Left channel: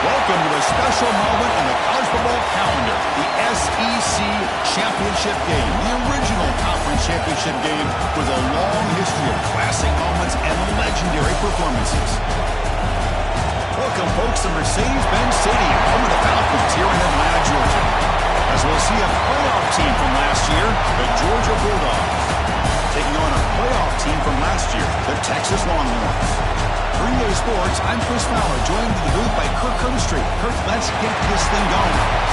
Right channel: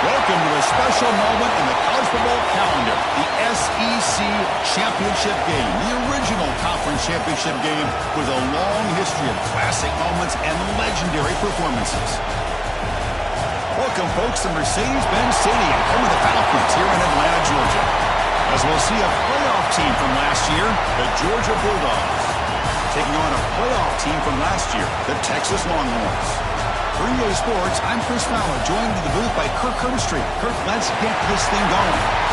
Welcome to a special moment in the college football calendar, the SEC Championship Game, the original conference championship game with a long history of classic moments and legendary performances. Welcome, folks, to Mercedes-Benz Stadium, home of the Falcons here in Atlanta, Georgia. As we'll see a playoff team from last year, the Georgia Bulldogs, taking on a playoff team from last year, the Texas Longhorns. For EA Sports, I'm Chris Fowler, joined in the booth by Kirk Herbstreit. Kirk, let's get this thing going.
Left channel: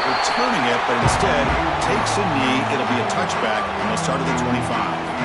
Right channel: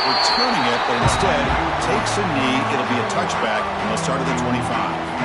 Returning it, but instead takes a knee. It'll be a touchback, and they'll start at the 25.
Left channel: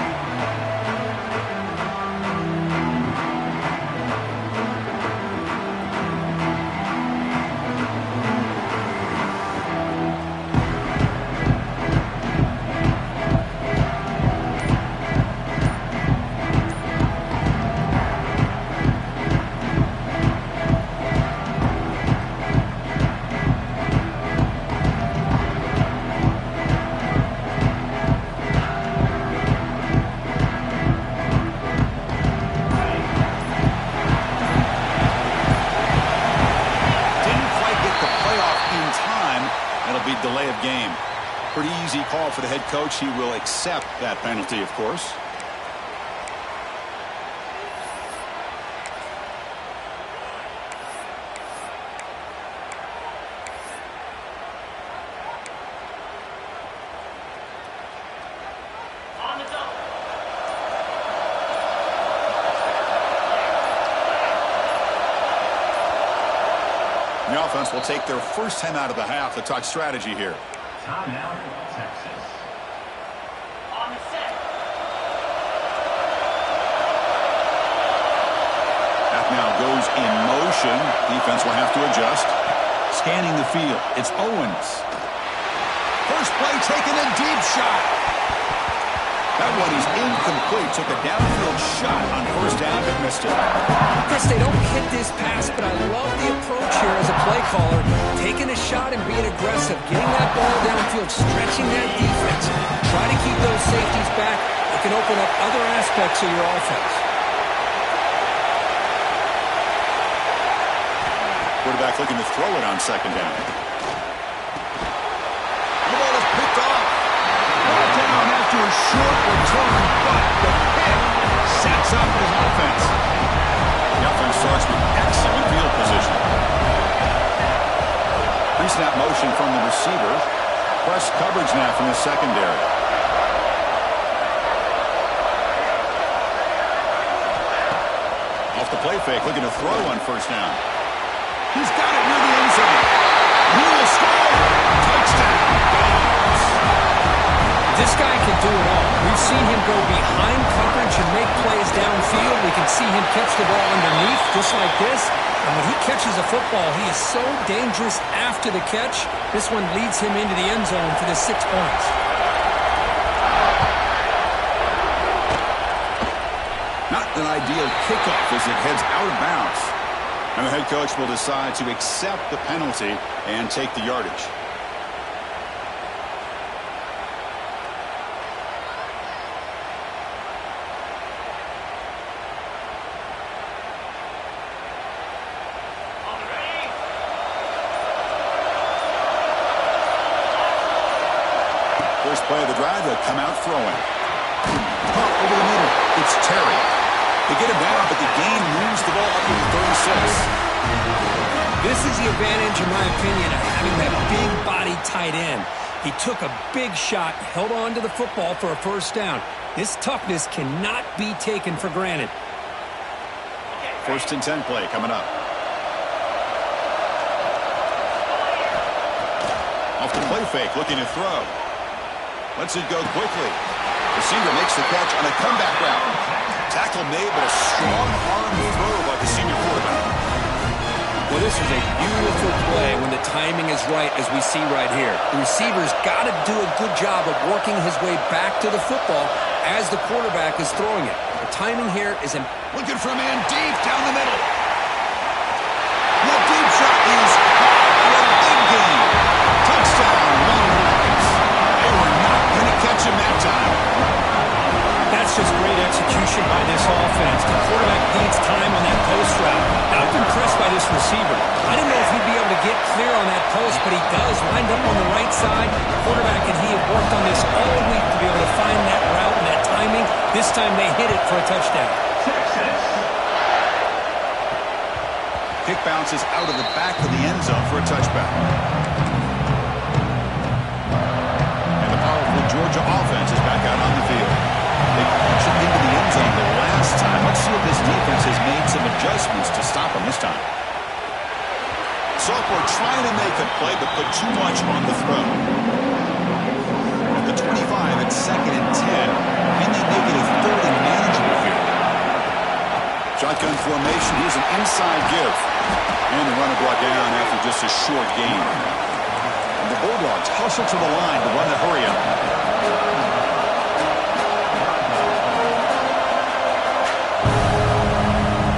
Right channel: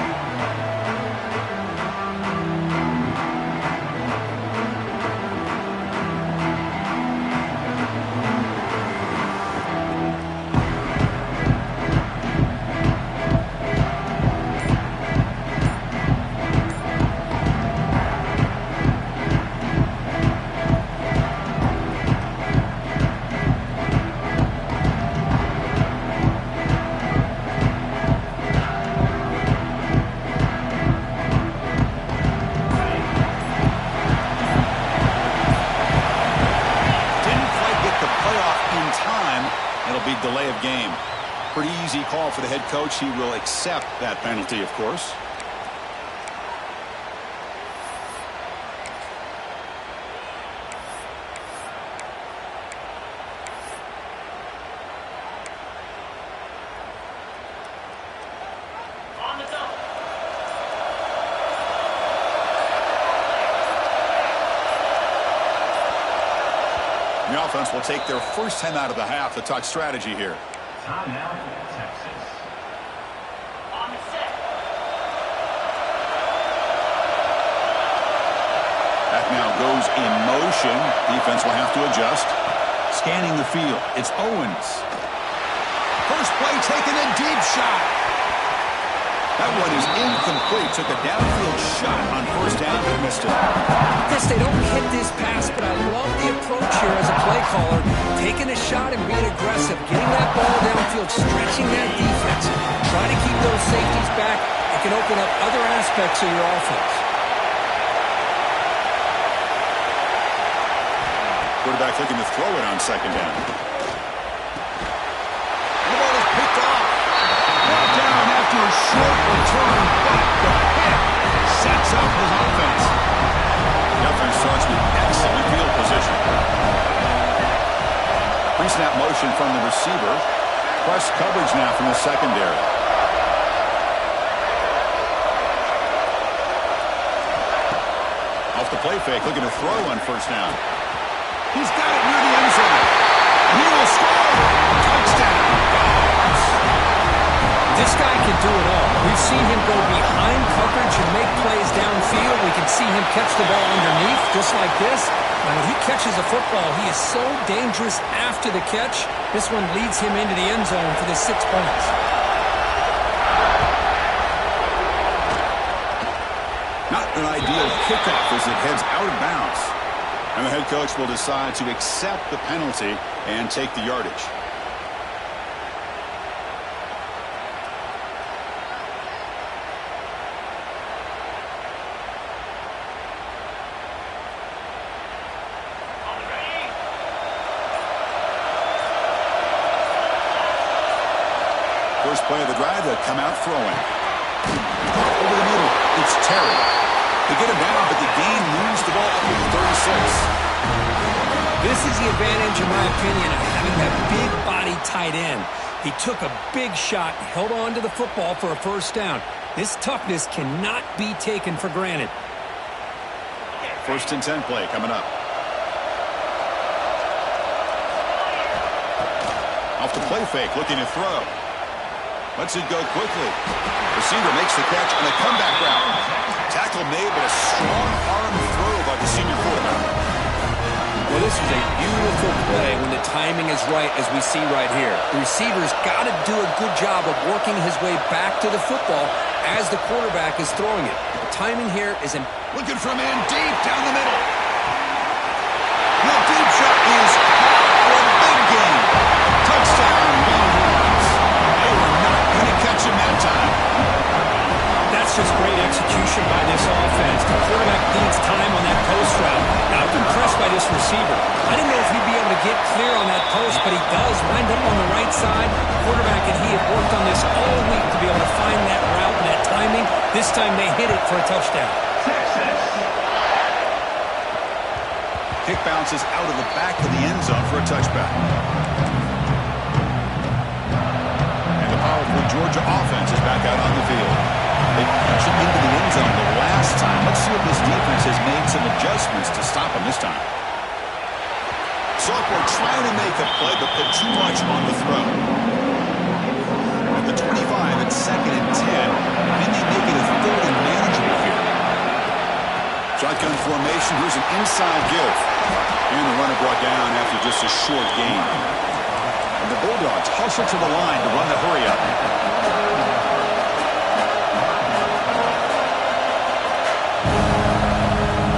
Delay of game. Pretty easy call for the head coach. He will accept that penalty, of course. On the double. The offense will take their first 10 out of the half to talk strategy here. Timeout, Texas. On the set. That now goes in motion. Defense will have to adjust. Scanning the field. It's Owens. First play taking a deep shot. That one is incomplete. Took a downfield shot on first down, but missed it. Chris, they don't hit this pass, but I love the approach here as a play caller. Taking a shot and being aggressive. Getting that ball downfield, stretching that defense. Try to keep those safeties back. It can open up other aspects of your offense. Quarterback looking to throw it on second down. The ball is picked off. Brought down after a short return, but the pick sets up his offense. The offense starts with excellent field position. Pre-snap motion from the receiver. Press coverage now from the secondary. Off the play fake, looking to throw on first down. He's got it near the end zone. He will score. Touchdown, Dogs. This guy can do it all. We've seen him go behind coverage and make plays downfield. We can see him catch the ball underneath, just like this. And when he catches a football, he is so dangerous after the catch. This one leads him into the end zone for the 6 points. Not an ideal kickoff as it heads out of bounds. And the head coach will decide to accept the penalty and take the yardage. First play of the drive, they'll come out throwing. Caught over the middle. It's Terry. They get him down, but the gain moves the ball up to the 36. This is the advantage, in my opinion, of having that big body tight end. He took a big shot, held on to the football for a first down. This toughness cannot be taken for granted. First and 10 play coming up. Off the play fake, looking to throw. Lets it go quickly. Receiver makes the catch on a comeback route. Tackle made, but a strong arm throw by the senior quarterback. Well, this is a beautiful play when the timing is right, as we see right here. The receiver's got to do a good job of working his way back to the football as the quarterback is throwing it. The timing here is looking for a man deep down the middle. The deep shot is caught for a big gain. Touchdown, Longhorns. They were not going to catch him that time. That's just great execution by this offense. The quarterback needs time on that post route. Now, I'm impressed by this receiver. I didn't know if he'd be able to get clear on that post, but he does wind up on the right side. Quarterback and he have worked on this all week to be able to find that route and that timing. This time they hit it for a touchdown. Kick bounces out of the back of the end zone for a touchback. And the powerful Georgia offense is back out on the field. They punched it into the end zone the last time. Let's see if this defense has made some adjustments to stop them this time. Sophomore trying to make a play, but put too much on the throw. At the 25, it's 2nd and 10. Can they make it a 3rd and manageable here? Shotgun formation. Here's an inside give. And the runner brought down after just a short gain. And the Bulldogs hustle to the line to run the hurry up.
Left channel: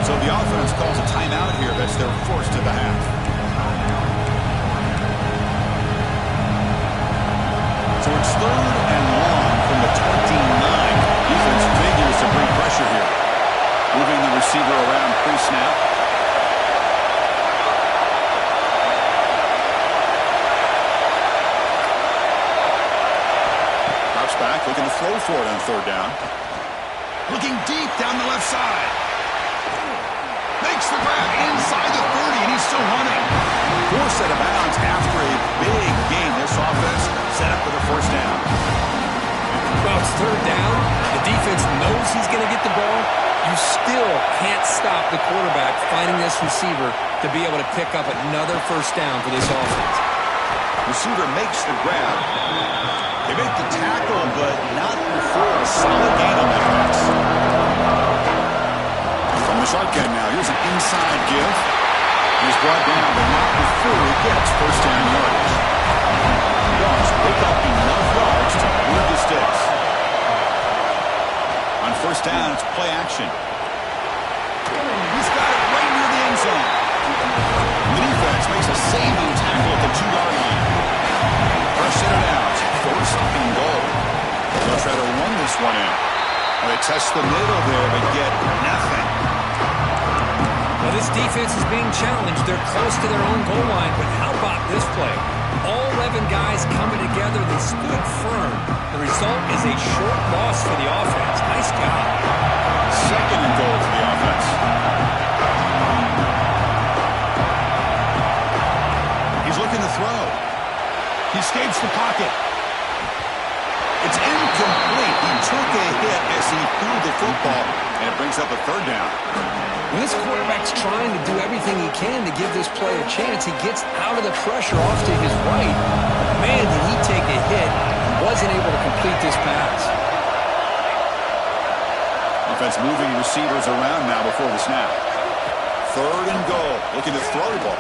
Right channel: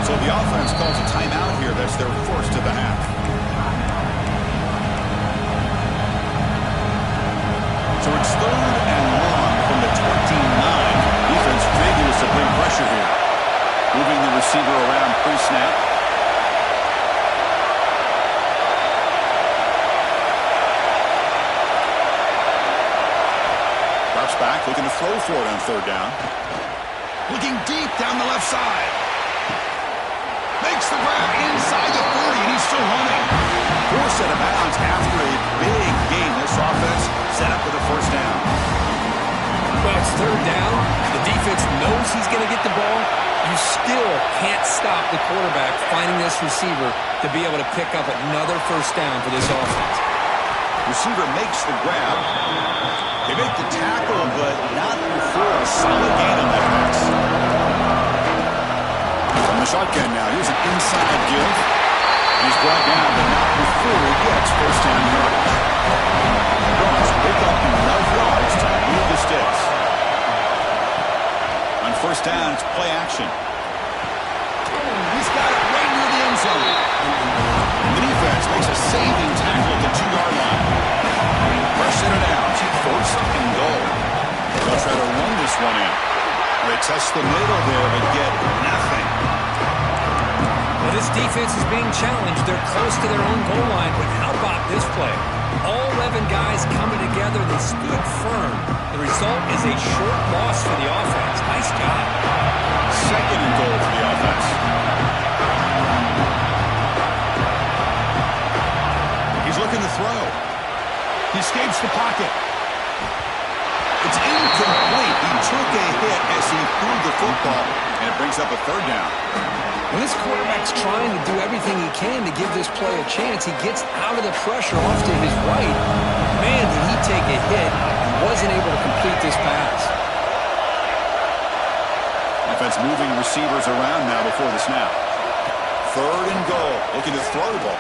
So the offense calls a timeout here. That's their first of the half. So it's 3rd and long from the 29. Defense figures to bring pressure here. Moving the receiver around pre-snap. Drops back, looking to throw for it on 3rd down. Looking deep down the left side. Makes the grab inside the 30, and he's still running. 4 set of bounds after a big gain. This offense set up with a 1st down. Well, it's 3rd down. The defense knows he's going to get the ball. You still can't stop the quarterback finding this receiver to be able to pick up another 1st down for this offense. Receiver makes the grab. They make the tackle, but not before a solid gain on that pass. From the shotgun now, here's an inside give. He's brought down, but not before he gets 1st down yardage. Dogs pick up enough yards to move the sticks. On 1st down, it's play action. He's got it right near the end zone. The defense makes a saving tackle at the 2-yard line. Fresh set of downs, 1st and goal. They'll try to run this one in. They test the middle there, but get nothing. Well, this defense is being challenged. They're close to their own goal line, but how about this play? All 11 guys coming together. They stood firm. The result is a short loss for the offense. Nice job. 2nd and goal for the offense. He's looking to throw. He escapes the pocket. It's incomplete. He took a hit as he threw the football, and it brings up a 3rd down. When this quarterback's trying to do everything he can to give this play a chance, he gets out of the pressure off to his right. Man, did he take a hit and wasn't able to complete this pass. Offense moving receivers around now before the snap. 3rd and goal. Looking to throw the ball.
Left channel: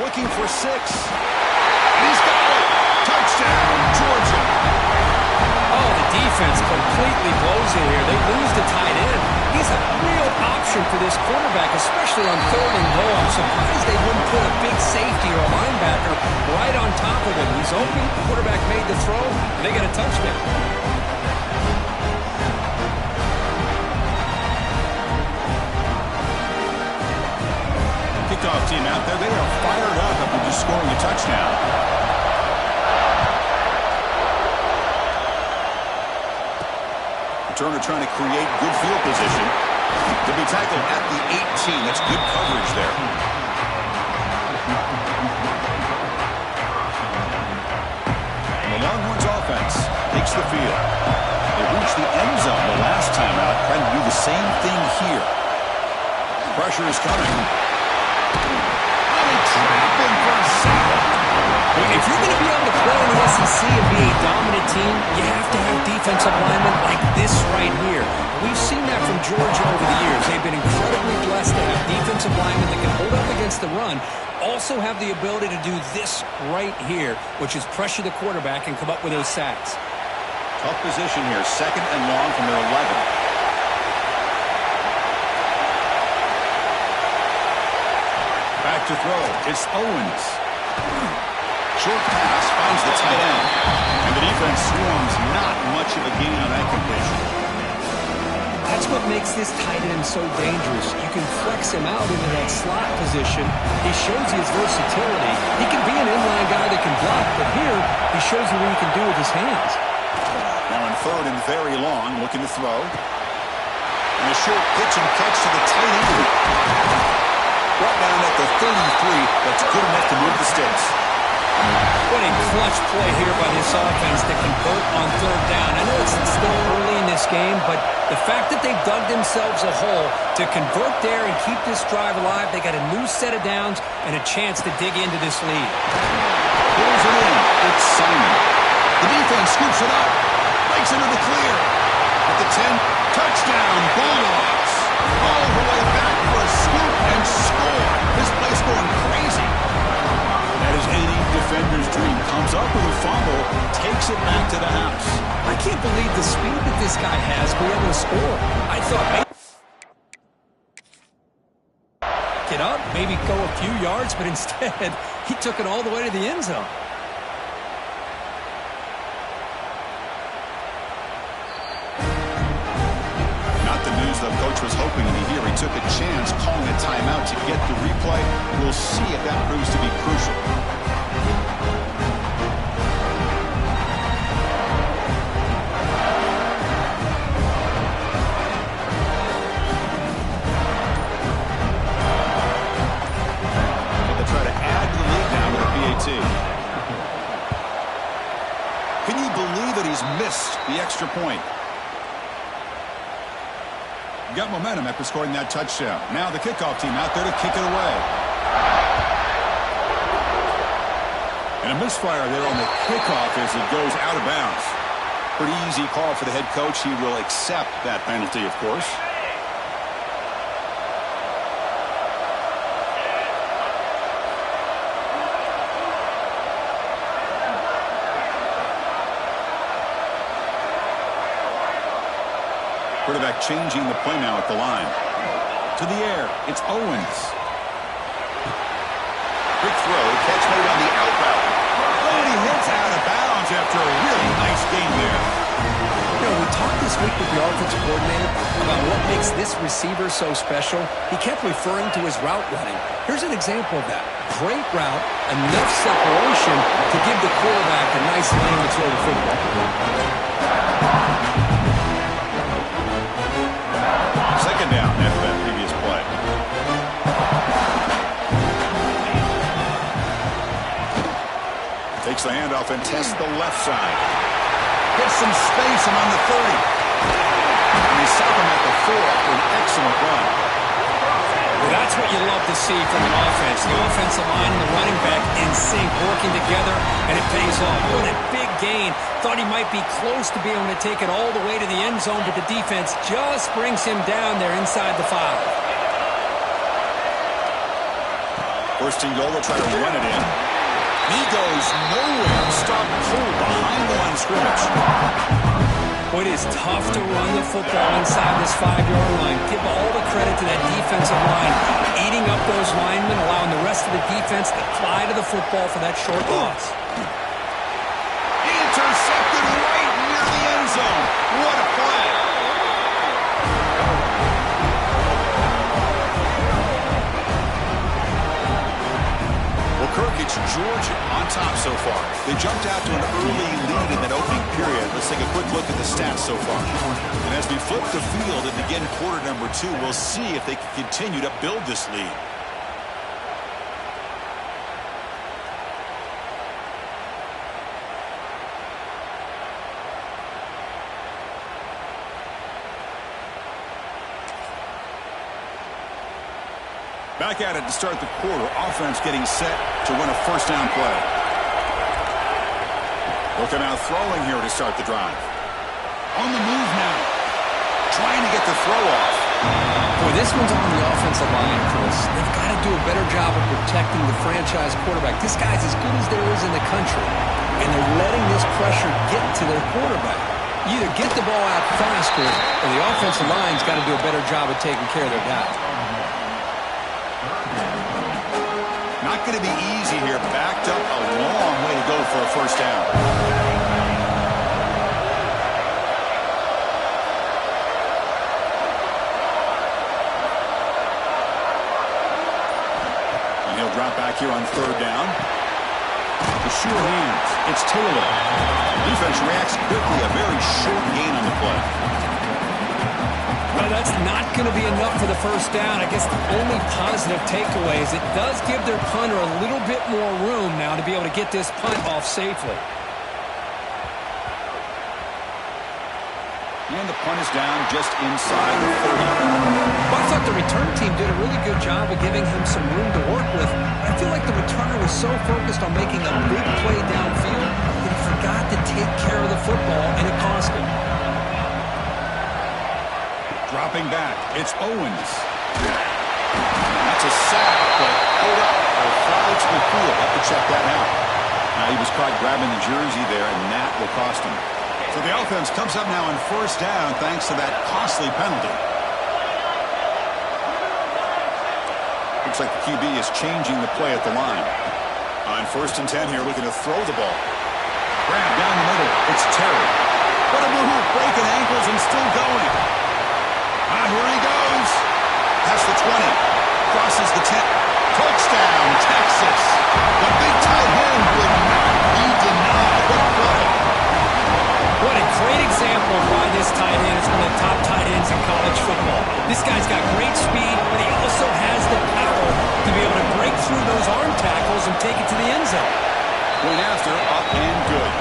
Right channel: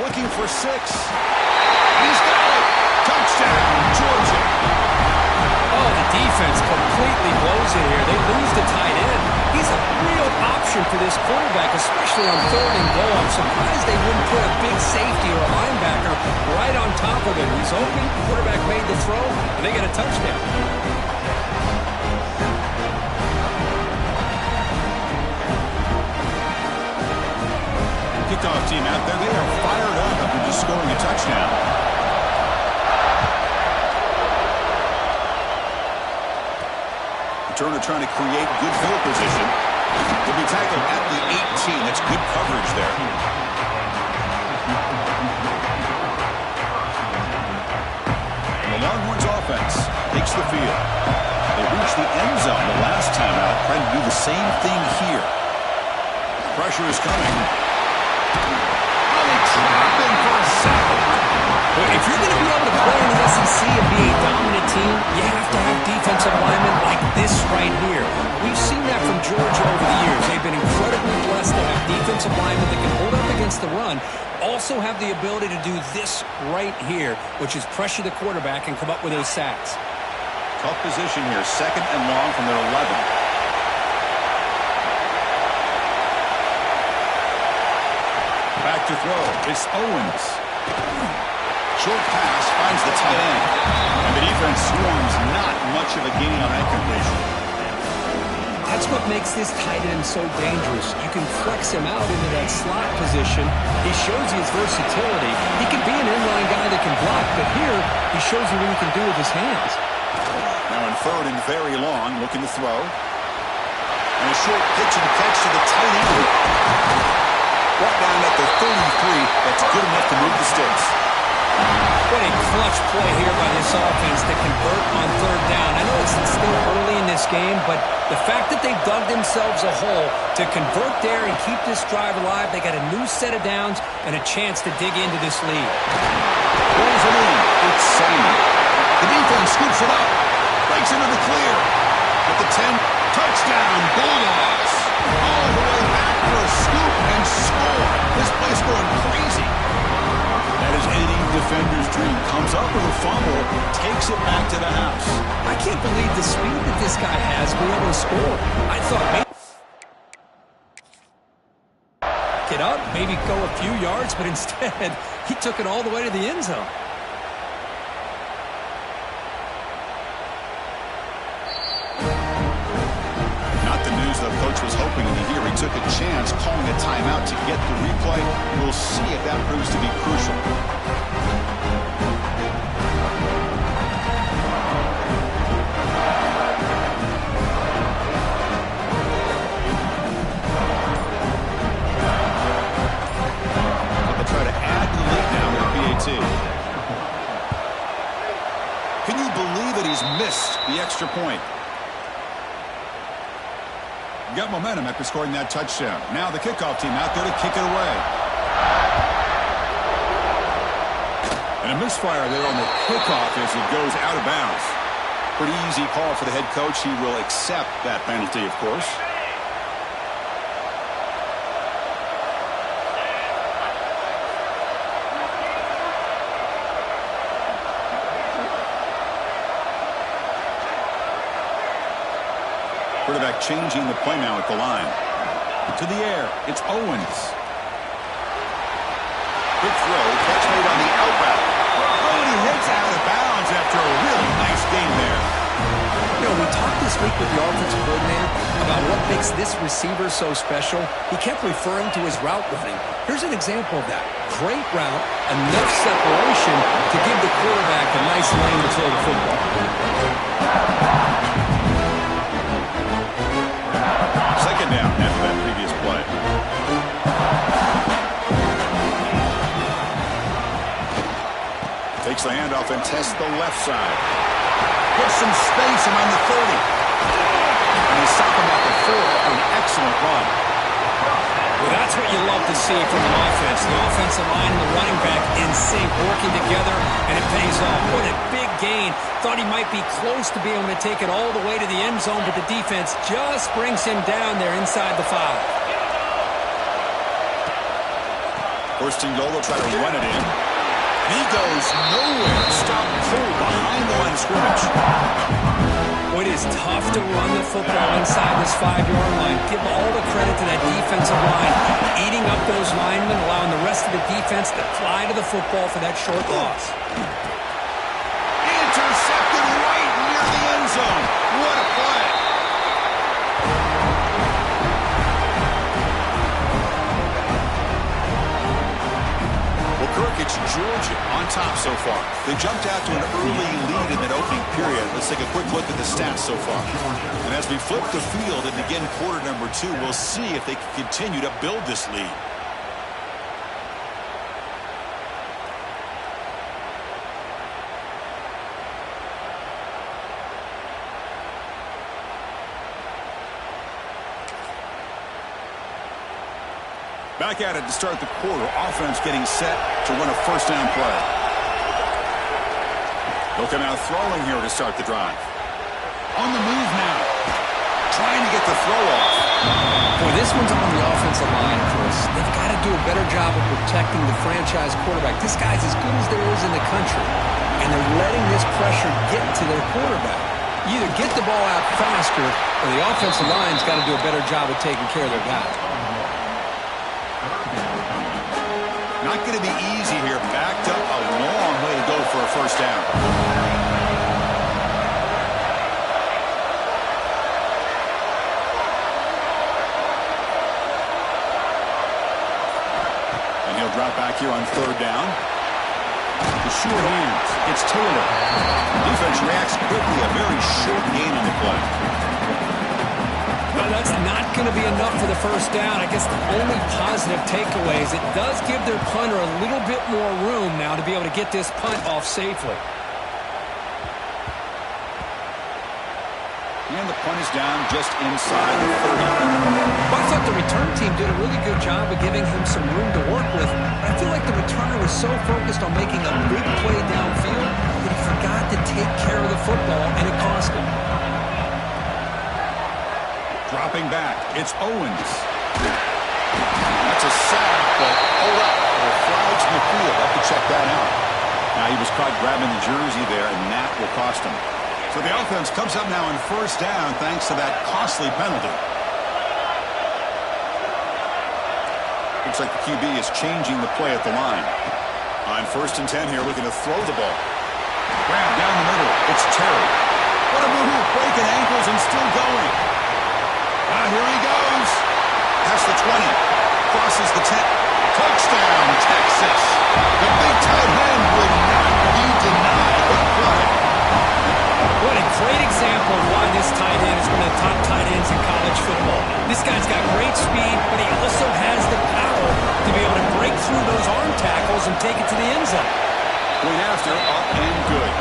Looking for 6. And he's got it. Touchdown, Georgia. Oh, the defense completely blows it here. They lose the tight end. He's a real option for this quarterback, especially on 3rd and goal. I'm surprised they wouldn't put a big safety or a linebacker right on top of him. He's open. Quarterback made the throw, and they get a touchdown. Kickoff team out there. They are fired up after just scoring a touchdown. Turner trying to create good field position. They'll be tackled at the 18. That's good coverage there. And the Longhorns offense takes the field. They reached the end zone the last time out, trying to do the same thing here. Pressure is coming. Oh, they trap him for a sack. Well, if you're going to be able to play in the SEC and be a dominant team, you have to have defensive linemen like this right here. We've seen that from Georgia over the years. They've been incredibly blessed to have defensive linemen that can hold up against the run, also have the ability to do this right here, which is pressure the quarterback and come up with those sacks. Tough position here, 2nd and long from their 11. Back to throw. It's Owens. Short pass finds the tight end. And the defense swarms not much of a gain on that completion. That's what makes this tight end so dangerous. You can flex him out into that slot position. He shows you his versatility. He can be an inline guy that can block, but here he shows you what he can do with his hands. Now in 3rd and very long, looking to throw. And a short pitch and catch to the tight end. Right down at the 33, that's good enough to move the sticks. What a clutch play here by this offense to convert on 3rd down. I know it's still early in this game, but the fact that they've dug themselves a hole to convert there and keep this drive alive, they got a new set of downs and a chance to dig into this lead. Pulls it in. It's Simon. The defense scoops it up. Breaks into the clear. At the 10, touchdown, Bulldogs. All the way back for a scoop and score. This place going crazy. That is any defender's dream. Comes up with a fumble, takes it back to the house. I can't believe the speed that this guy has to be able to score. I thought maybe get up, maybe go a few yards, but instead he took it all the way to the end zone. Not the news the coach was hoping to hear. He took a chance calling a timeout to get the replay. We'll see if that proves to be crucial. But they try to add to the lead now with a PAT. Can you believe it? He's missed the extra point. Got momentum after scoring that touchdown. Now the kickoff team out there to kick it away. And a misfire there on the kickoff as it goes out of bounds. Pretty easy call for the head coach. He will accept that penalty, of course. Quarterback changing the play now at the line. To the air. It's Owens. Quick throw. Catch made on the out route. Oh, and he hits out of bounds after a really nice game there. You know, we talked this week with the offensive coordinator about what makes this receiver so special. He kept referring to his route running. Here's an example of that. Great route, enough separation to give the quarterback a nice lane to throw the football. Second down after that previous play. Takes the handoff and tests the left side. Gets some space around the 30. And they stop him at the 4 for an excellent run. Well, that's what you love to see from an offense. The offensive line and the running back in sync, working together, and it pays off. What a big gain. Thought he might be close to being able to take it all the way to the end zone, but the defense just brings him down there inside the 5. First and goal, they'll try to run it in. And he goes nowhere. Stopped cold behind the line of scrimmage. Boy, it is tough to run the football inside this 5-yard line. Give all the credit to that defensive line, eating up those linemen, allowing the rest of the defense to fly to the football for that short loss. Intercepted right near the end zone. What a play. Well, Kirk, it's Georgia on top so far. They jumped out to an early lead in that opening period. Let's take a quick look at the stats so far. And as we flip the field and begin quarter number 2, we'll see if they can continue to build this lead. Back at it to start the quarter. Offense getting set to run a first down play. He'll come out throwing here to start the drive. On the move now. Trying to get the throw off. Boy, this one's on the offensive line, Chris. They've got to do a better job of protecting the franchise quarterback. This guy's as good as there is in the country, and they're letting this pressure get to their quarterback. You either get the ball out faster, or the offensive line's got to do a better job of taking care of their guy. Not going to be easy here. Backed up a long way to go for a first down. And he'll drop back here on third down. The sure hands. It's Taylor. Defense reacts quickly. A very short gain on the play. Well, that's not going to be enough for the first down. I guess the only positive takeaway is it does give their punter a little bit more room now to be able to get this punt off safely. And the punt is down just inside the 30. Well, I thought the return team did a really good job of giving him some room to work with. But I feel like the returner was so focused on making a big play downfield that he forgot to take care of the football, and it cost him. Dropping back, it's Owens. That's a sack, but hold up. There are flags in the field. Have to check that out. Now he was caught grabbing the jersey there, and that will cost him. So the offense comes up now on first down thanks to that costly penalty. Looks like the QB is changing the play at the line. On 1st and 10 here, looking to throw the ball. Grab down the middle. It's Terry. What a move, breaking ankles and still going. Here he goes. Past the 20. Crosses the 10. Touchdown, Texas. The big tight end will not be denied. What a play. What a great example of why this tight end is one of the top tight ends in college football. This guy's got great speed, but he also has the power to be able to break through those arm tackles and take it to the end zone. Point after, up and good.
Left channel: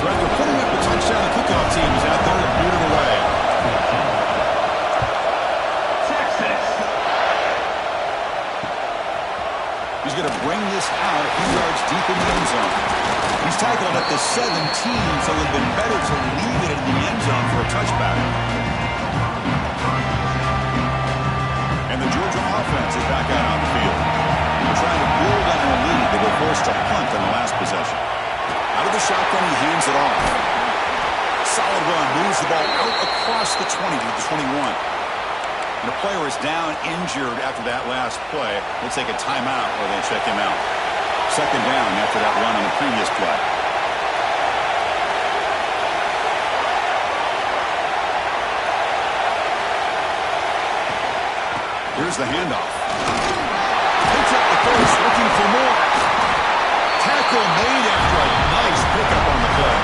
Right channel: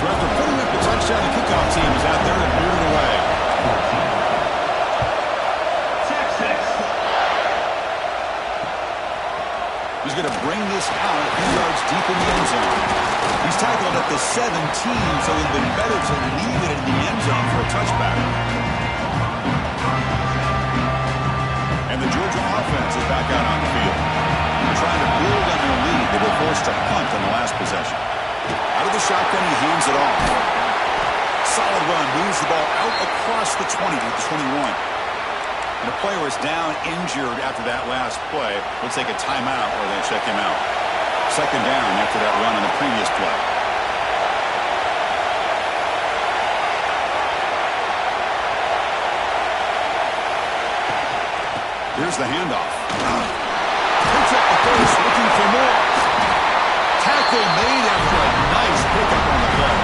So after putting up the touchdown, the kickoff team is out there to boot it away. Texas. He's going to bring this out a few yards deep in the end zone. He's tackled at the 17, so it would have been better to leave it in the end zone for a touchback. And the Georgia offense is back out on the field. They're trying to build on their lead. They were forced to punt on the last possession. Out of the shotgun, he hands it off. Solid run, moves the ball out across the 20 to the 21. And a player is down injured after that last play. We'll take a timeout or they check him out. Second down after that run on the previous play. Here's the handoff. Picks up the face, looking for more. Tackle made after a nice pickup on the play.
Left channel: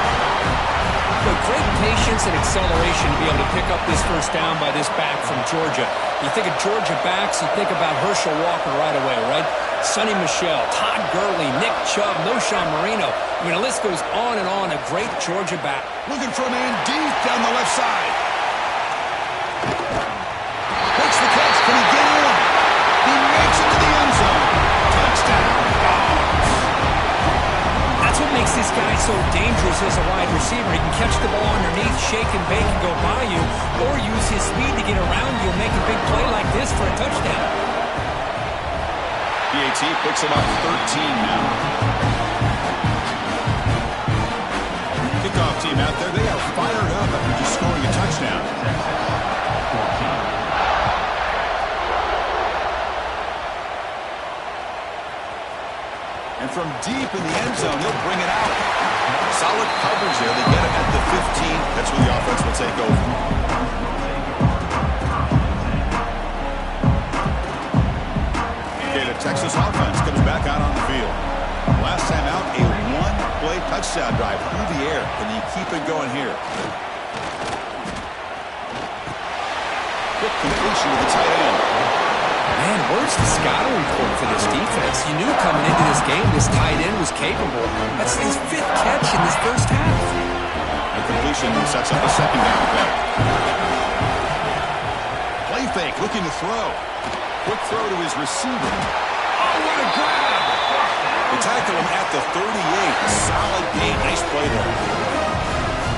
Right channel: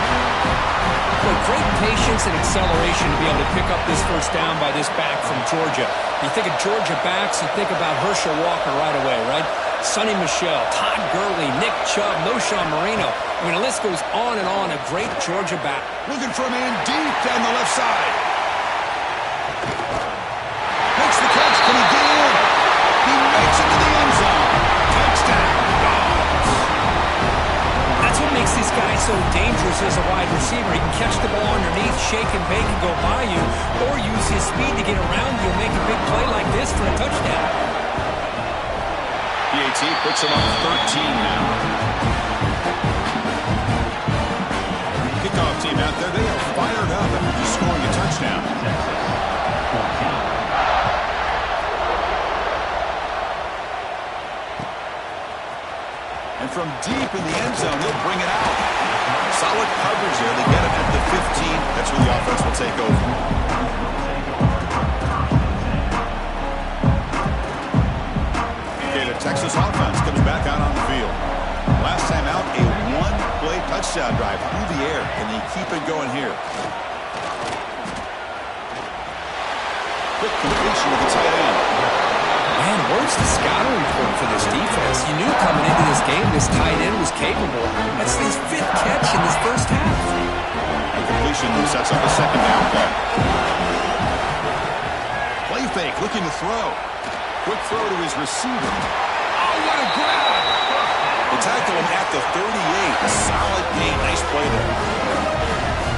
With great patience and acceleration to be able to pick up this first down by this back from Georgia. You think of Georgia backs, you think about Herschel Walker right away, right? Sonny Michel, Todd Gurley, Nick Chubb, Noshawn Marino. I mean, the list goes on and on. A great Georgia back. Looking for a man deep down the left side. Makes the catch. Can he get in? He makes it to the end zone. Touchdown, Dogs. That's what makes this guy so dangerous as a wide receiver. He can catch the ball underneath, shake and bake and go by you, or use his speed to get around you and make a big play like this for a touchdown. PAT puts him up 13 now. Kickoff team out there, they are fired up after just scoring a touchdown. Texas 14. And from deep in the end zone, he'll bring it out. Solid coverage there. They get him at the 15. That's where the offense will take over. Okay, the Texas offense comes back out on the field. Last time out, a one-play touchdown drive through the air. Can they keep it going here? Quick completion to the tight end. Man, where's the scouting report for this defense? You knew coming into this game this tight end was capable. That's his 5th catch in this first half. And completion sets up a second down play. Play fake, looking to throw. Quick throw to his receiver. Oh, what a grab! him at the 38. A solid gain. Nice play there.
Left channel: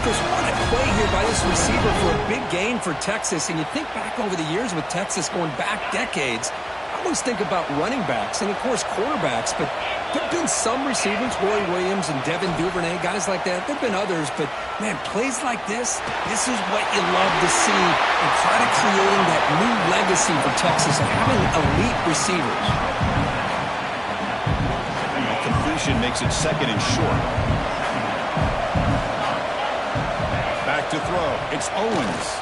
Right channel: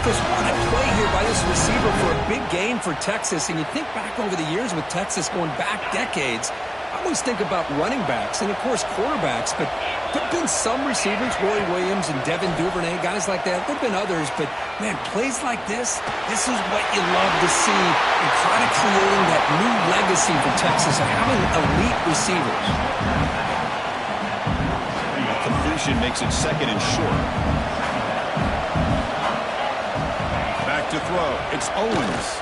Chris, what a play here by this receiver for a big gain for Texas. And you think back over the years with Texas going back decades, I always think about running backs and, of course, quarterbacks. But there have been some receivers, Roy Williams and Devin Duvernay, guys like that. There have been others. But, man, plays like this is what you love to see. And kind of creating that new legacy for Texas of having elite receivers. That completion makes it second and short. Back to throw. It's Owens.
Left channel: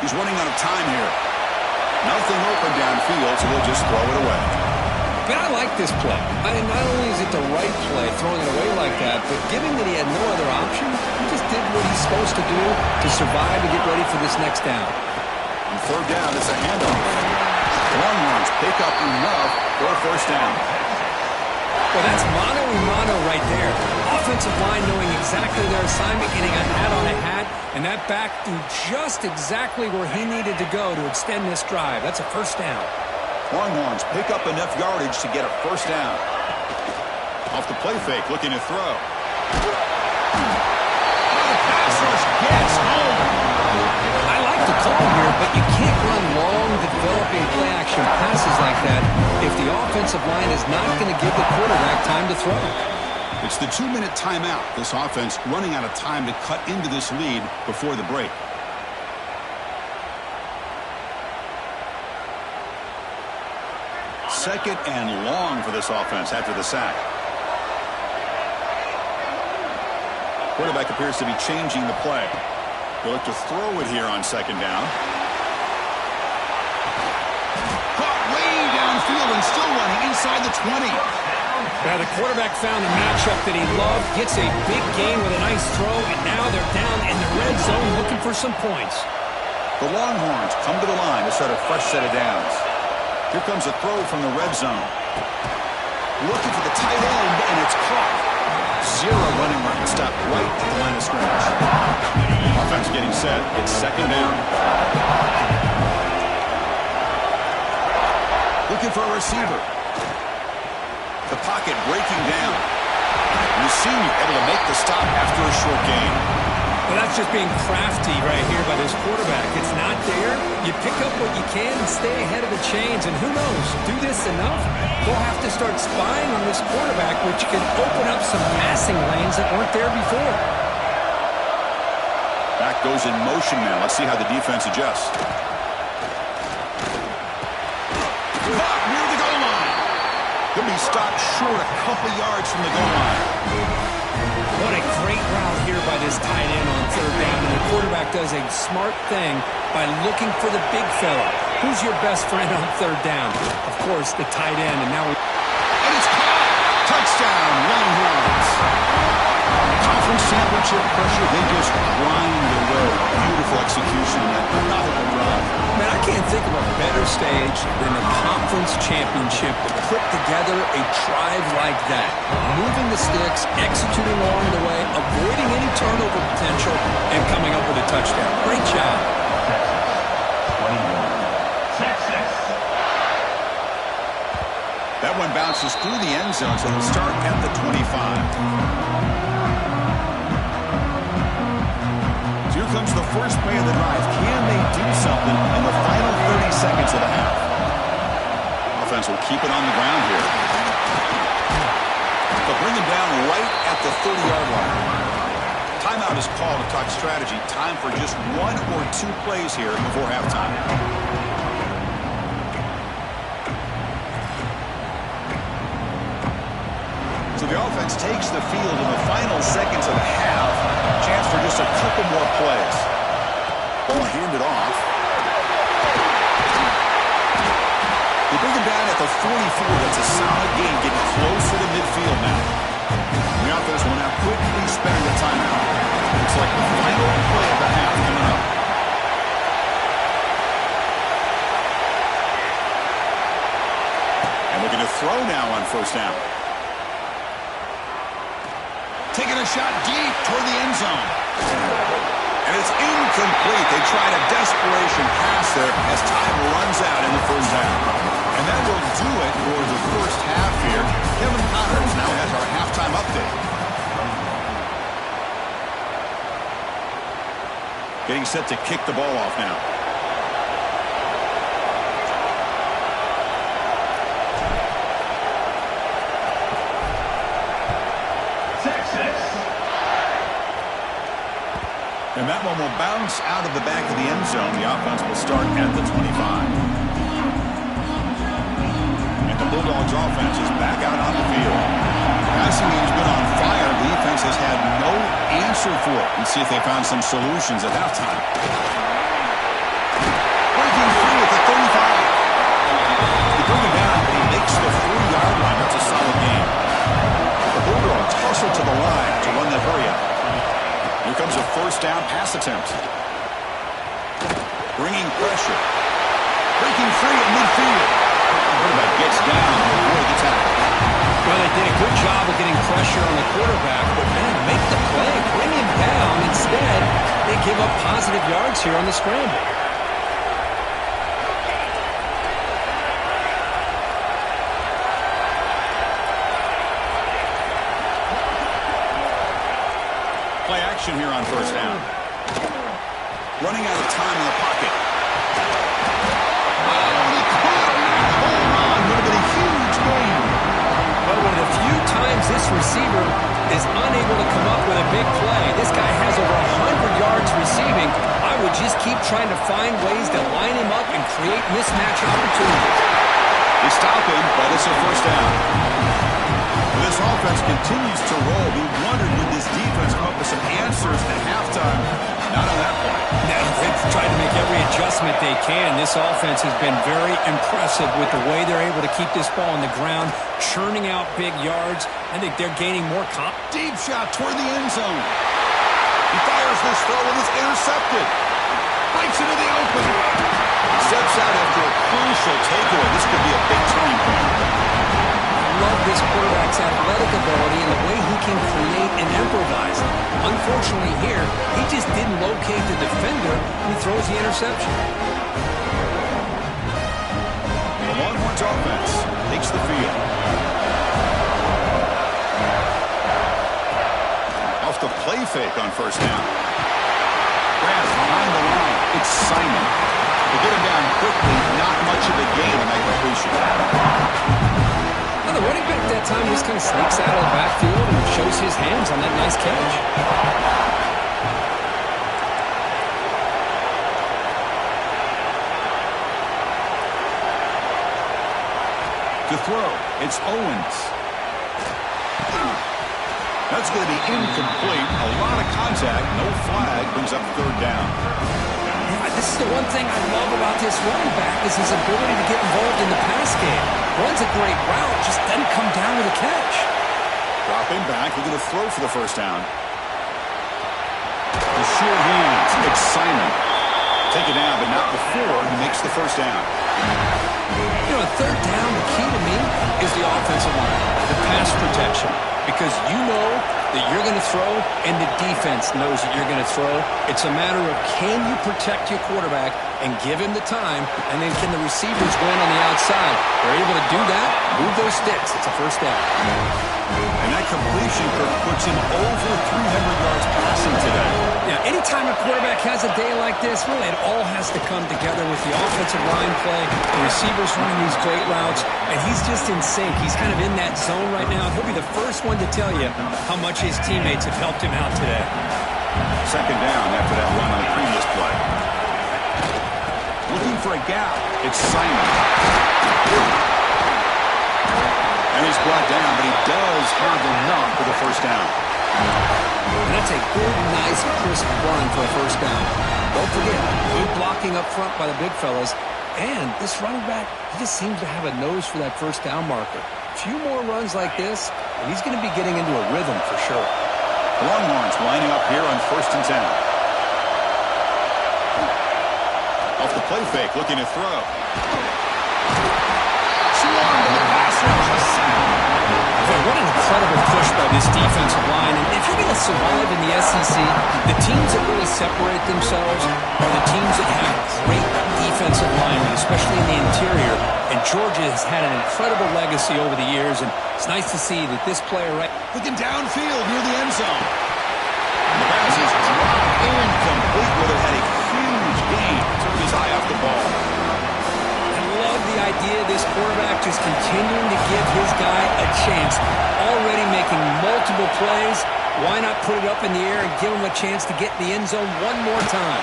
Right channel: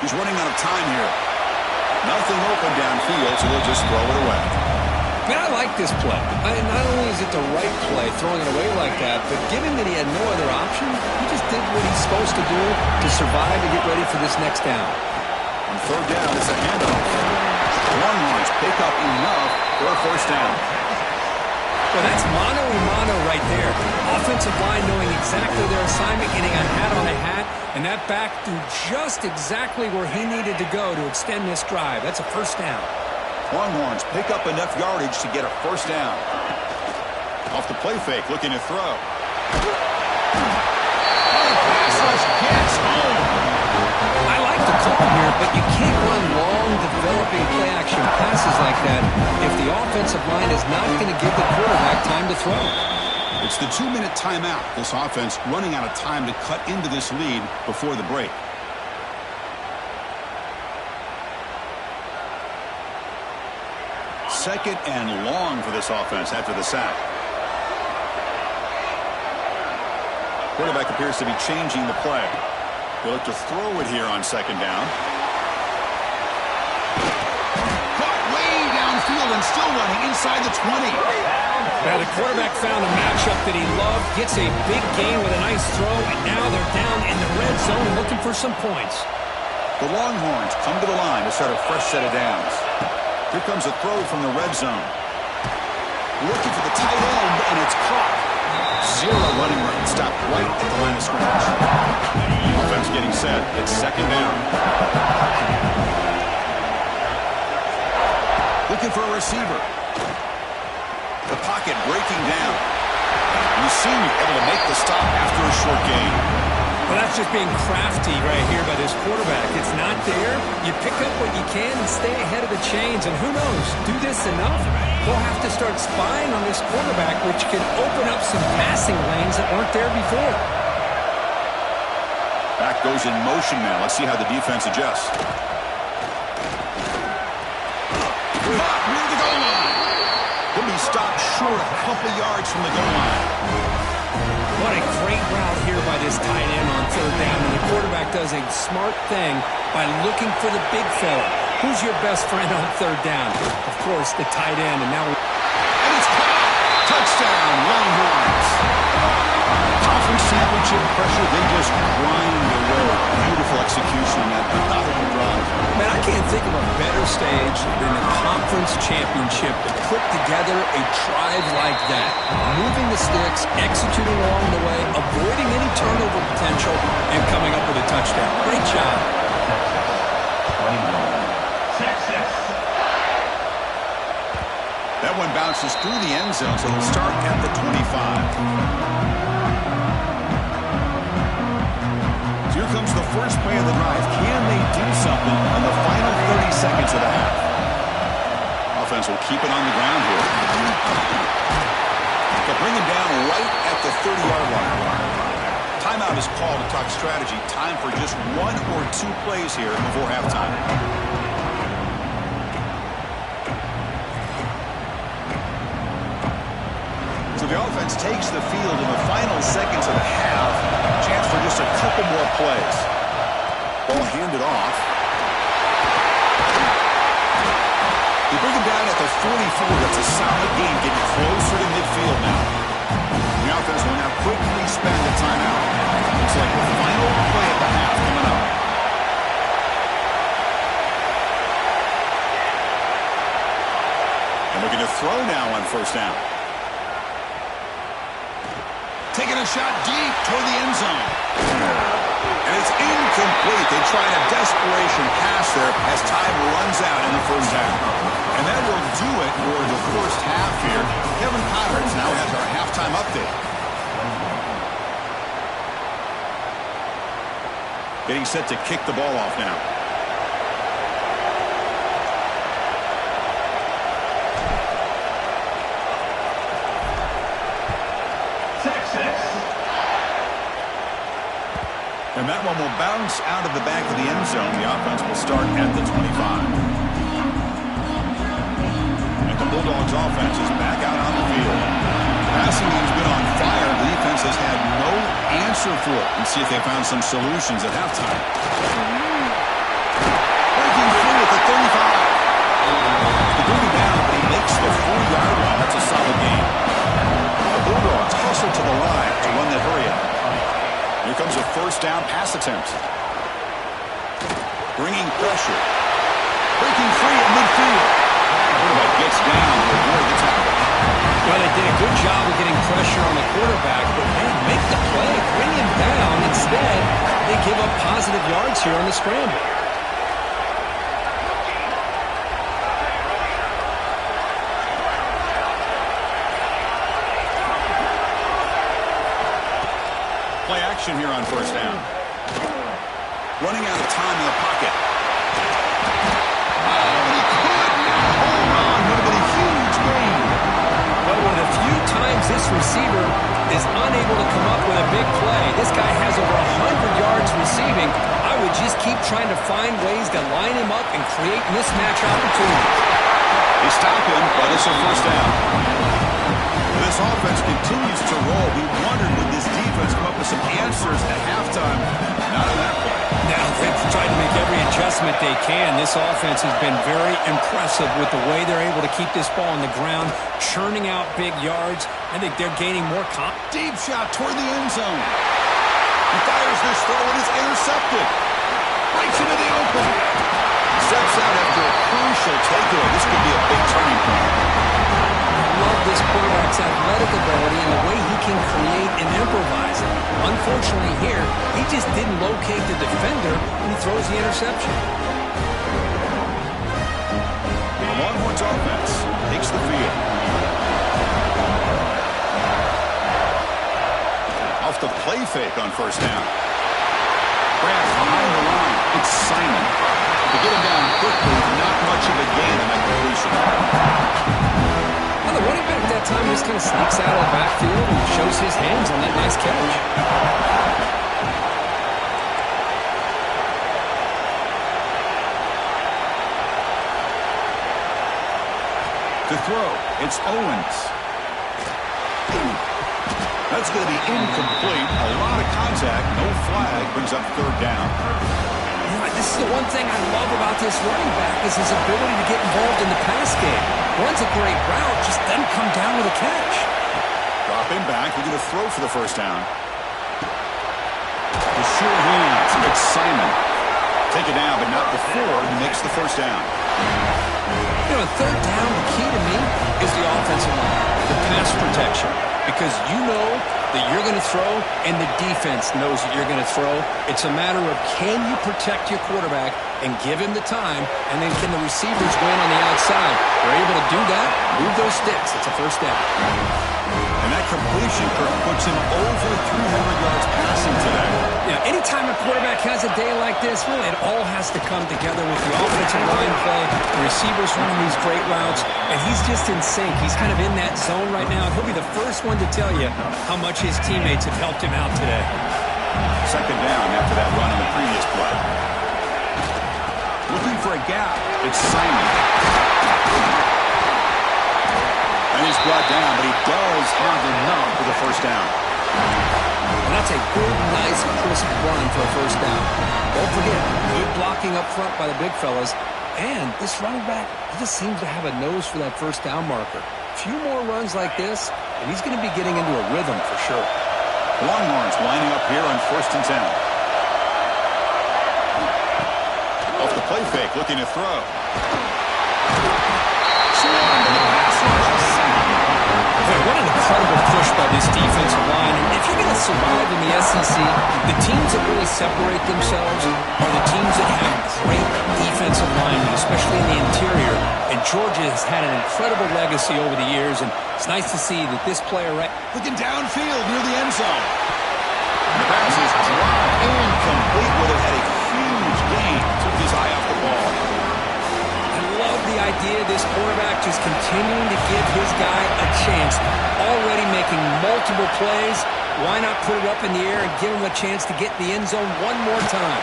He's running out of time here. Nothing open downfield, so they'll just throw it away. Man, I like this play. Not only is it the right play, throwing it away like that, but given that he had no other option, he just did what he's supposed to do to survive to get ready for this next down. On third down, it's a handoff. Longhorns pick up enough for a first down. Well, that's mano-a-mano right there. Offensive line knowing exactly their assignment, getting a hat on a hat, and that back threw just exactly where he needed to go to extend this drive. That's a first down. Longhorns pick up enough yardage to get a first down. Off the play fake, looking to throw. The pass rush gets home. I like the call here, but you can't run long, developing play-action passes like that if the offensive line is not going to give the quarterback time to throw. It's the 2-minute timeout. This offense running out of time to cut into this lead before the break. Second and long for this offense after the sack. Quarterback appears to be changing the play. They look to throw it here on second down. Caught way downfield and still running inside the 20. Now the quarterback found a matchup that he loved, gets a big gain with a nice throw, and now they're down in the red zone looking for some points. The Longhorns come to the line to start a fresh set of downs. Here comes a throw from the red zone. Looking for the tight end, and it's caught. Zero running room. Stopped right at the line of scrimmage. Offense getting set. It's second down. Looking for a receiver. The pocket breaking down. You see him able to make the stop after a short gain. Well, that's just being crafty right here by this quarterback. It's not there. You pick up what you can and stay ahead of the chains. And who knows, do this enough, they'll have to start spying on this quarterback, which can open up some passing lanes that weren't there before. Back goes in motion now. Let's see how the defense adjusts. Caught near the goal line. He'll be stopped short a couple yards from the goal line. What a great route here by this tight end on third down. And the quarterback does a smart thing by looking for the big fella. Who's your best friend on third down? Of course, the tight end. And And it's caught! Touchdown, Longhorns! Conference championship pressure, they just grind away. Beautiful execution on that methodical drive. Man, I can't think of a better stage than the conference championship to put together a drive like that. Moving the sticks, executing along the way, avoiding any turnover potential, and coming up with a touchdown. Great job. Texas. That one bounces through the end zone, so they'll start at the 25. Here comes the first play of the drive. Can they do something in the final 30 seconds of the half? Offense will keep it on the ground here. They'll bring him down right at the 30-yard line. Timeout is called to talk strategy. Time for just one or two plays here before halftime. So the offense takes the field in the final seconds of the half. Chance for just a couple more plays. Ball handed off. They bring him down at the 44. That's a solid gain, getting closer to midfield now. The offense will now quickly spend a timeout. Looks like the final play of the half coming up. And looking to throw now on first down. Taking a shot deep toward the end zone. And it's incomplete. They tried a desperation pass there as time runs out in the first half. And that will do it for the first half here. Kevin Connors now has our halftime update. Getting set to kick the ball off now. And that one will bounce out of the back of the end zone. The offense will start at the 25. And the Bulldogs offense is back out on the field. The passing game's been on fire. The defense has had no answer for it. Let's see if they found some solutions at halftime. Breaking free at the 35. They bring him down, but he makes the 40-yard line. That's a solid game. The Bulldogs hustle to the line to run that hurry out. Here comes a first down pass attempt. Bringing pressure. Breaking free at midfield. Quarterback gets down to avoid the tackle. Well, they did a good job of getting pressure on the quarterback, but, man, make the play. Bring him down. Instead, they give up positive yards here on the scramble. Play action here on first down. Running out of time in the pocket. Oh, he could not hold on. Would have been a huge gain. But one of the few times this receiver is unable to come up with a big play. This guy has over 100 yards receiving. I would just keep trying to find ways to line him up and create mismatch opportunities. They stop him, but it's a first down. This offense continues to roll. We wondered, would this defense come up with some answers at halftime? Not on that play. Now, they've tried to make every adjustment they can. This offense has been very impressive with the way they're able to keep this ball on the ground, churning out big yards. I think they're gaining more confidence. Deep shot toward the end zone. He fires this throw and is intercepted. Breaks into the open. Steps out after a crucial takeaway. This could be a big turning point. Love this quarterback's athletic ability and the way he can create and improvise. Unfortunately here, he just didn't locate the defender when he throws the interception. The Longhorns offense takes the field. Off the play fake on first down. Grant behind the line. It's Simon. To get him down quickly, not much of a gain on that completion. Well, the running back that time just kind of sneaks out of the backfield and shows his hands on that nice catch. To throw, it's Owens. That's going to be incomplete. A lot of contact, no flag, brings up third down. Yeah, this is the one thing I love about this running back is his ability to get involved in the pass game. Runs a great route, just doesn't come down with a catch. Drop him back. We're going to throw for the first down. The sure hands. It's Simon. Take it down, but not before he makes the first down. You know, third down, the key to me is the offensive line, the pass protection. Because you know that you're going to throw and the defense knows that you're going to throw. It's a matter of can you protect your quarterback and give him the time, and then can the receivers win on the outside? They're able to do that, move those sticks. It's a first down. And that completion, Kirk, puts him over 300 yards passing today. Yeah, anytime a quarterback has a day like this, really it all has to come together with the offensive line play, the receivers running these great routes, and he's just in sync. He's kind of in that zone right now, and he'll be the first one to tell you how much his teammates have helped him out today. Second down after that run on the previous play. Looking for a gap. It's Simon. And he's brought down, but he does have enough for the first down. And that's a good, nice, crisp run for a first down. Don't forget, good blocking up front by the big fellas. And this running back, he just seems to have a nose for that first down marker. A few more runs like this, and he's going to be getting into a rhythm for sure. Longhorns lining up here on 1st and 10. Off the play fake, looking to throw. Swarmed in the pass rush. A sack. Boy, what an incredible push by this defensive line. And if you're going to survive in the SEC, the teams that really separate themselves are the teams that have great defensive linemen, especially in the interior. And Georgia has had an incredible legacy over the years, and it's nice to see that this player looking downfield near the end zone. And the pass is dropped incomplete. Would have had a huge gain. Took his eye off the ball. I love the idea of this quarterback just continuing to give his guy a chance. Already making multiple plays. Why not put it up in the air and give him a chance to get in the end zone one more time?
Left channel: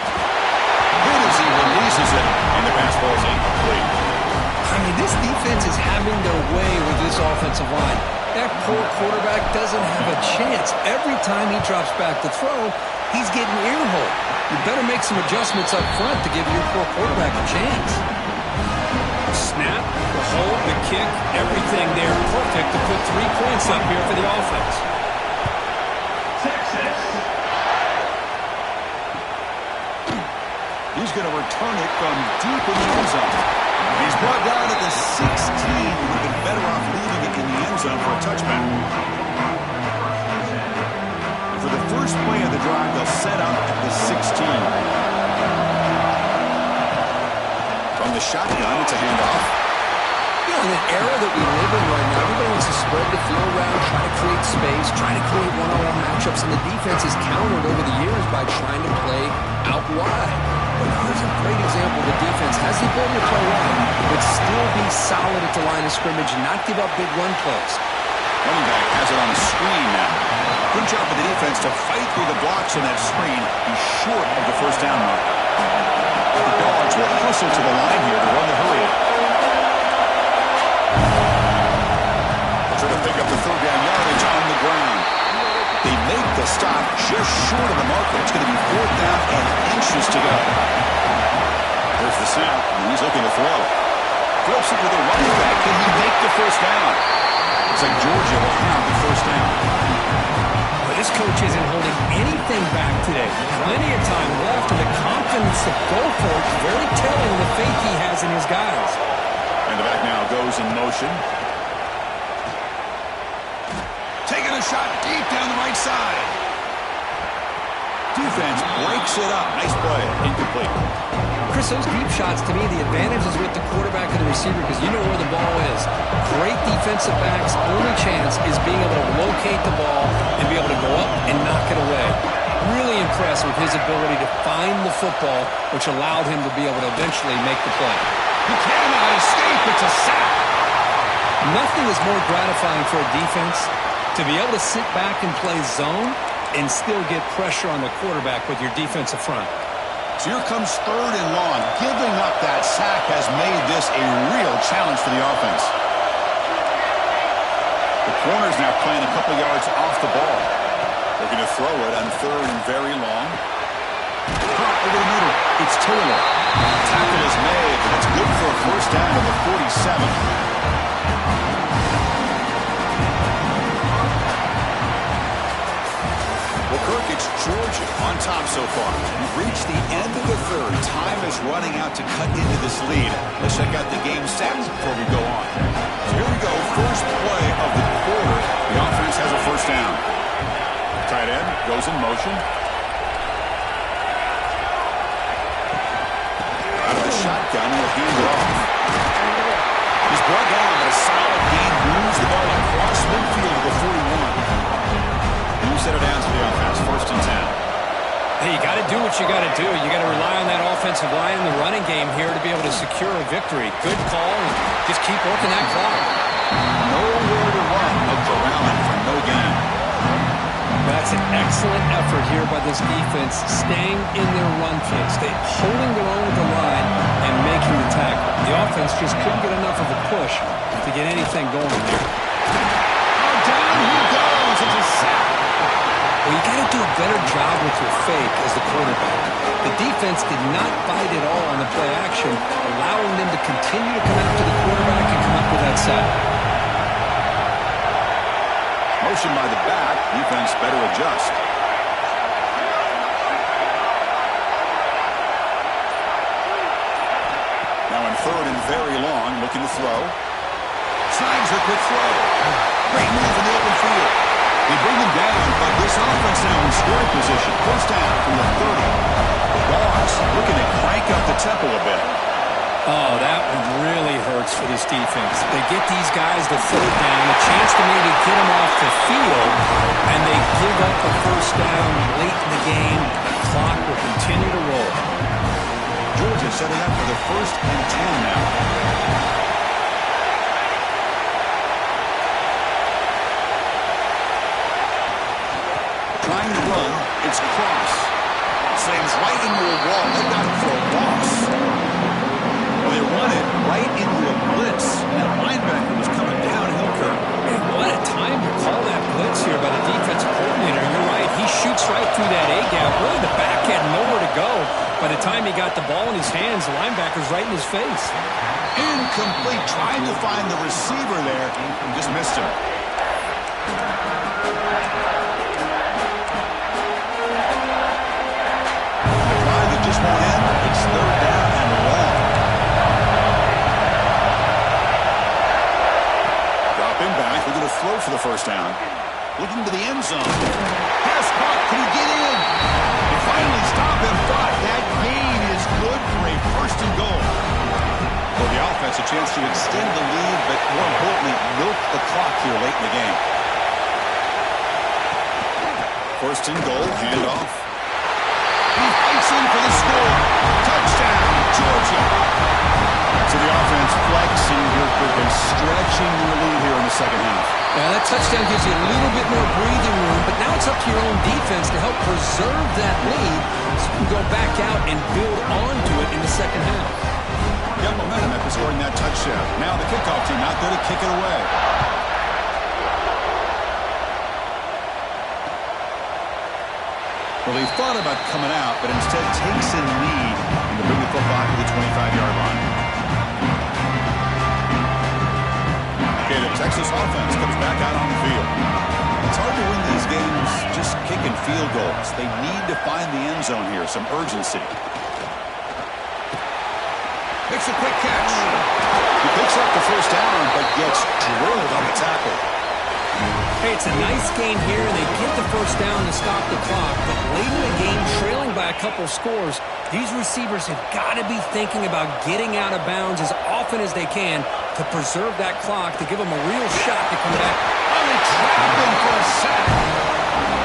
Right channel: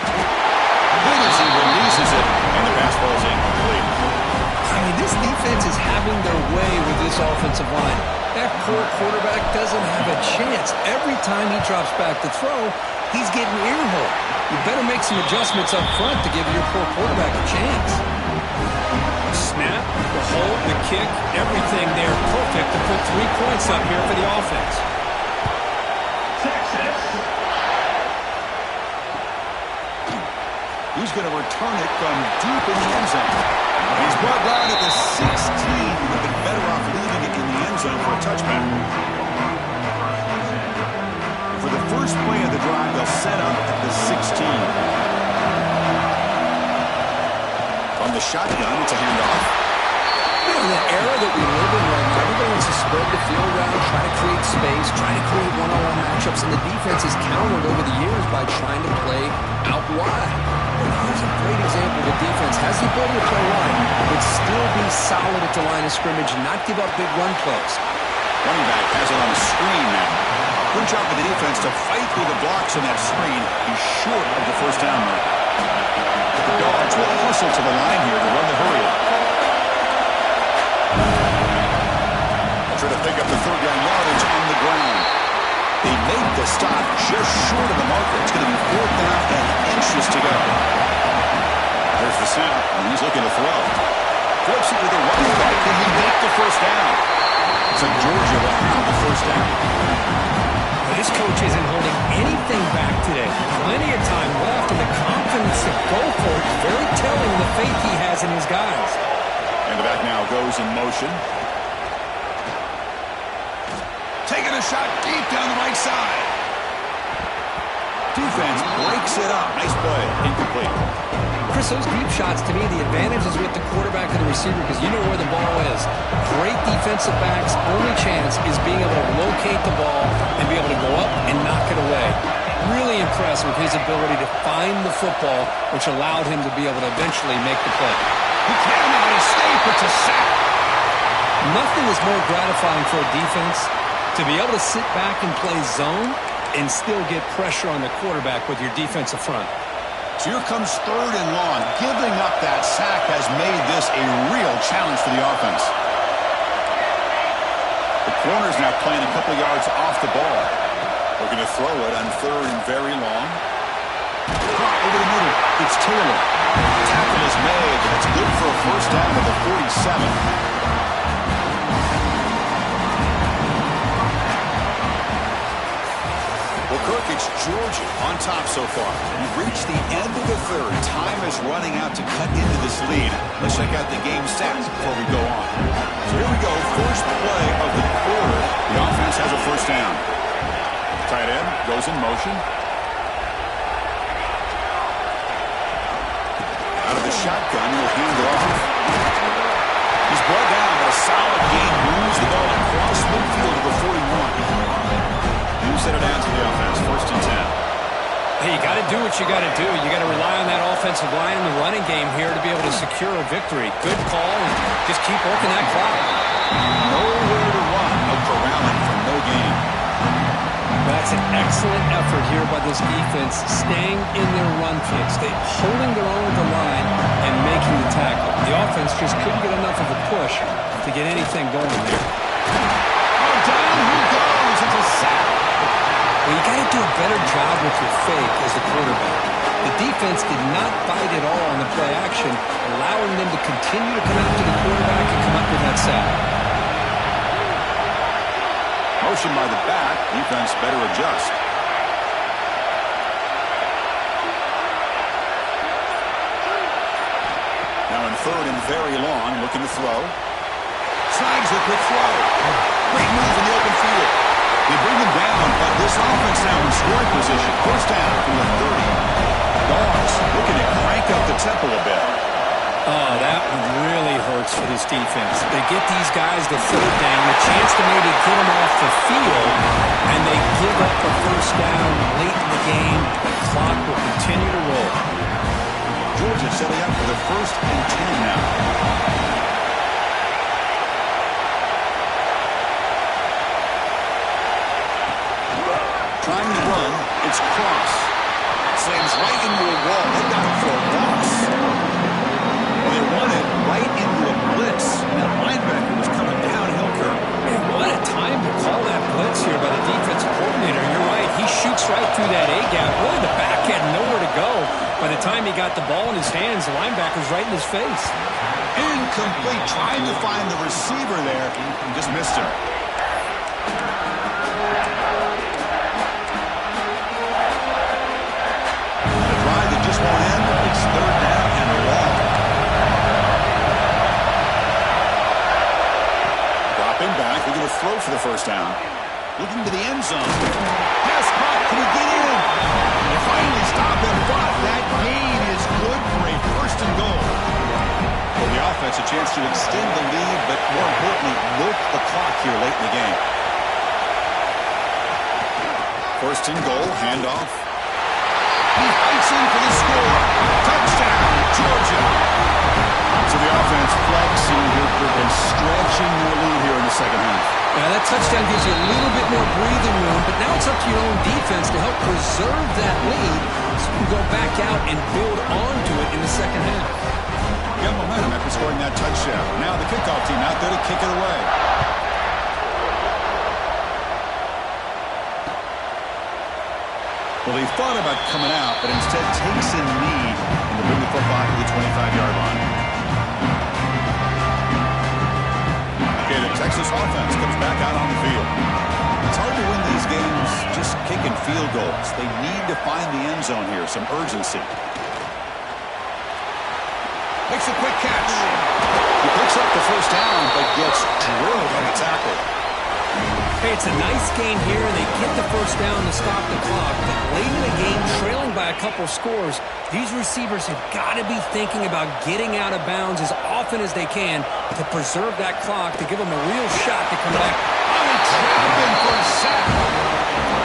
Good as he releases it, and the pass ball is incomplete. I mean, this defense is having their way with this offensive line. That poor quarterback doesn't have a chance. Every time he drops back to throw, he's getting earhole. You better make some adjustments up front to give your poor quarterback a chance. Snap, the hold, the kick, everything there perfect to put 3 points up here for the offense. Texas. He's going to return it from deep in the end zone. He's brought down at the 16. Would have been better off leaving it in the end zone for a touchback. And for the first play of the drive, they'll set up at the 16. From the shotgun, it's a handoff. You know, in the era that we live in right now, everybody wants to spread the field around, try to create space, try to create one-on-one matchups, and the defense is countered over the years by trying to play out wide. But here's a great example. The defense has the ability to play wide, but still be solid at the line of scrimmage and not give up big run plays. Running back has it on a screen now. Good job for the defense to fight through the blocks on that screen. He's short of the first down mark. The Dogs will hustle to the line here to run the hurry-up. They'll try to pick up the third down yardage on the ground. They make the stop just short of the marker. It's going to be 4th down and inches to go. There's the snap, and he's looking to throw. Flips it to the running back. Can he make the first down? Looks like Georgia will have the first down. Well, this coach isn't holding anything back today. Plenty of time left, and the confidence to go for it is very telling the faith he has in his guys. And the back now goes in motion. Taking a shot deep down the right side. Defense breaks it up. Nice play. Incomplete. Chris, those deep shots, to me, the advantage is with the quarterback and the receiver because you know where the ball is. Great defensive backs' only chance is being able to locate the ball and be able to go up and knock it away. Really impressed with his ability to find the football, which allowed him to be able to eventually make the play. He cannot escape. It's a sack. Nothing is more gratifying for a defense to be able to sit back and play zone and still get pressure on the quarterback with your defensive front. So here comes 3rd and long. Giving up that sack has made this a real challenge for the offense. The corner's now playing a couple yards off the ball. Looking to throw it on 3rd and very long. Caught over the middle. It's Taylor. Tackle is made, but that's good for a first down to the 47. Well, Kirk, it's Georgia on top so far. We've reached the end of the 3rd. Time is running out to cut into this lead. Let's check out the game stats before we go on. So here we go. First play of the quarter. The offense has a first down. Tight end goes in motion. Out of the shotgun, he'll hand it off. He's brought down, but a solid gain moves the ball across midfield to the 41. You set it down to the offense, 1st and 10. Hey, you got to do what you got to do. You got to rely on that offensive line and the running game here to be able to secure a victory. Good call, and just keep working that clock. Nowhere to run. No corralling for no gain. That's an excellent effort here by this defense, staying in their run fix. They holding their own at the line and making the tackle. The offense just couldn't get enough of a push to get anything going there. Oh, down he goes. It's a sack. Well, you got to do a better job with your fake as the quarterback. The defense did not bite at all on the play action, allowing them to continue to come after the quarterback and come up with that sack. Motion by the back. Defense better adjust. Now in 3rd and very long, looking to throw. Snags a quick throw. Great move in the open field. This offense now in scoring position. First down from the 30. Dogs looking to crank up the tempo a bit. Oh, that one really hurts for this defense. They get these guys the third down, a chance to maybe get them off the field, and they give up a first down late in the game. The clock will continue to roll. Georgia setting up for the 1st and 10 now. Trying to run, it's Cross. Slams right into a wall. They got him for a loss. Well, they run it right into a blitz. And that linebacker was coming downhill, Kirk. Man, what a time to call that blitz here by the defensive coordinator. You're right. He shoots right through that A-gap. Really, the back had nowhere to go. By the time he got the ball in his hands, the linebacker's right in his face. Incomplete. Trying to find the receiver there. Just missed him. A drive that just won't end. It's 3rd down and long. Dropping back. They're going to throw for the first down. Looking to the end zone. Pass caught. Can he get in? They finally stop him, but that gain is good for a 1st and goal. For the offense, a chance to extend the lead, but more importantly, milk the clock here late in the game. 1st and goal, handoff. He fights in for the score. Touchdown, Georgia. So the offense flexing here and stretching their lead here in the second half. Yeah, that touchdown gives you a little bit more breathing room, but now it's up to your own defense to help preserve that lead so you can go back out and build onto it in the second half. Got momentum after scoring that touchdown. Now the kickoff team out there to kick it away. Well, he thought about coming out, but instead takes a knee and to bring the football to the 25-yard line. Okay, the Texas offense comes back out on the field. It's hard to win these games just kicking field goals. They need to find the end zone here, some urgency. Makes a quick catch. He picks up the first down, but gets drilled on the tackle. Hey, it's a nice game here, and they get the first down to stop the clock. But late in the game, trailing by a couple scores, these receivers have got to be thinking about getting out of bounds as often as they can to preserve that clock, to give them a real shot to come back. Oh, they trap him for a sack.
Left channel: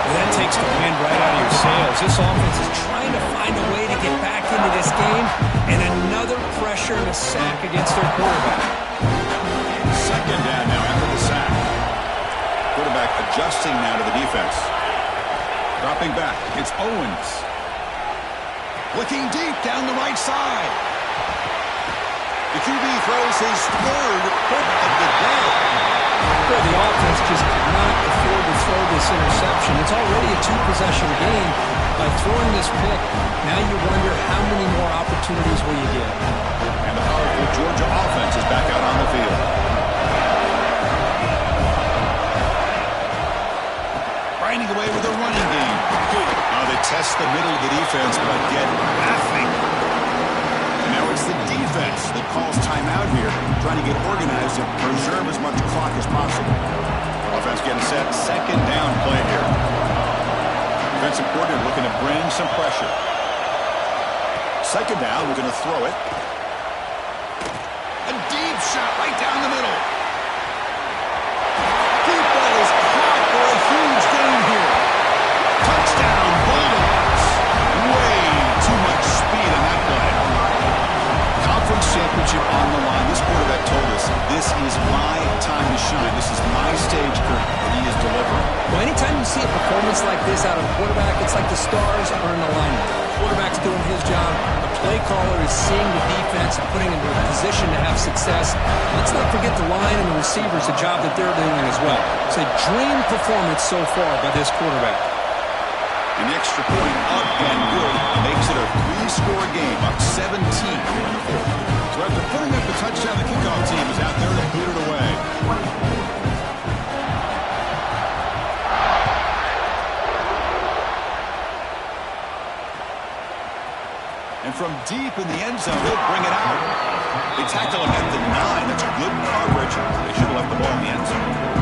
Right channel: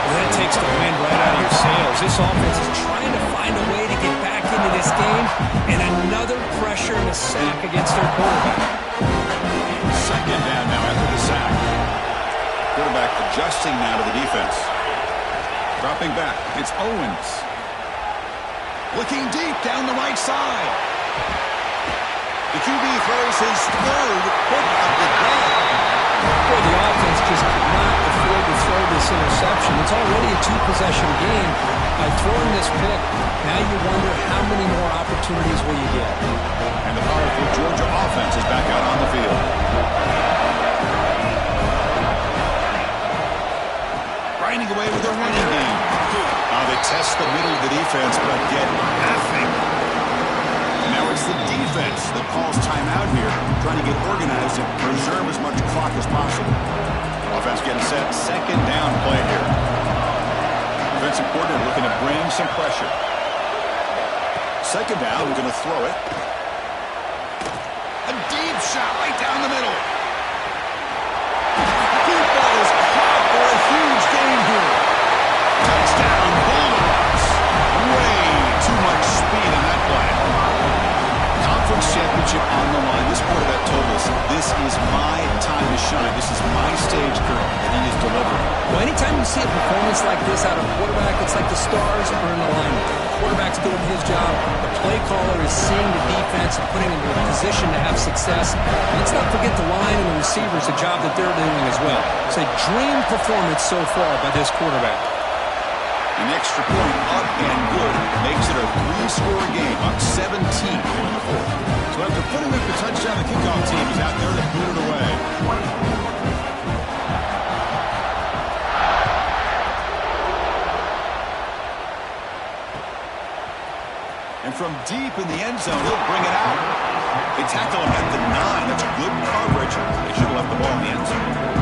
Well, that takes the wind right out of your sails. This offense is trying to find a way to get back into this game, and another pressure and a sack against their quarterback. 2nd down now after the sack. Quarterback adjusting now to the defense. Dropping back. It's Owens. Looking deep down the right side. The QB throws his 3rd pick of the day. Boy, the offense just could not afford to throw this interception. It's already a 2-possession game. By throwing this pick, now you wonder how many more opportunities will you get. And the powerful Georgia offense is back out on the field. Grinding away with their running game. They test the middle of the defense, but get nothing. And now it's the defense that calls timeout here, trying to get organized and preserve as much clock as possible. Offense getting set. 2nd down play here. Defensive coordinator looking to bring some pressure. 2nd down, we're going to throw it. A deep shot right down the middle. Deep ball is caught for a huge gain here. Touchdown, Bulldogs. Way too much speed on that play. Conference championship on the line. This quarterback told us, this is my time to shine. This is my stage, Kirk, and he is delivering. Well, anytime you see a performance like this out of a quarterback, it's like the stars are in alignment. The quarterback's doing his job. The play caller is seeing the defense and putting him in a position to have success. Let's not forget the line and the receivers, the job that they're doing as well. It's a dream performance so far by this quarterback. An extra point up and good makes it a 3-score game, up 17 here in the 4th. So after putting up the touchdown, the kickoff team is out there to boot it away. And from deep in the end zone, he'll bring it out. They tackle him at the 9. That's good coverage. They should have left the ball in the end zone.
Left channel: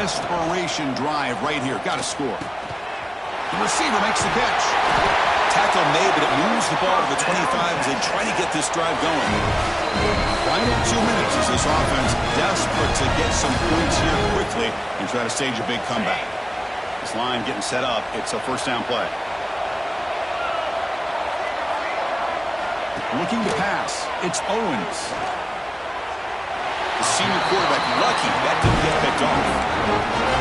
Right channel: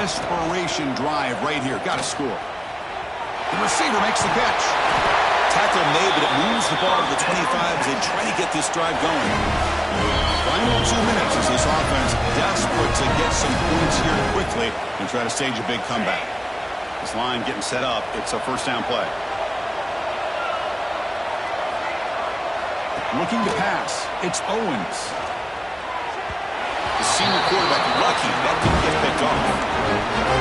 desperation drive right here. Got to score. The receiver makes the catch. Tackle made, but it moves the ball to the 25 as they try to get this drive going. Final 2 minutes as this offense desperate to get some points here quickly and try to stage a big comeback. This line getting set up. It's a first down play. Looking to pass. It's Owens. The senior quarterback lucky that didn't get picked off.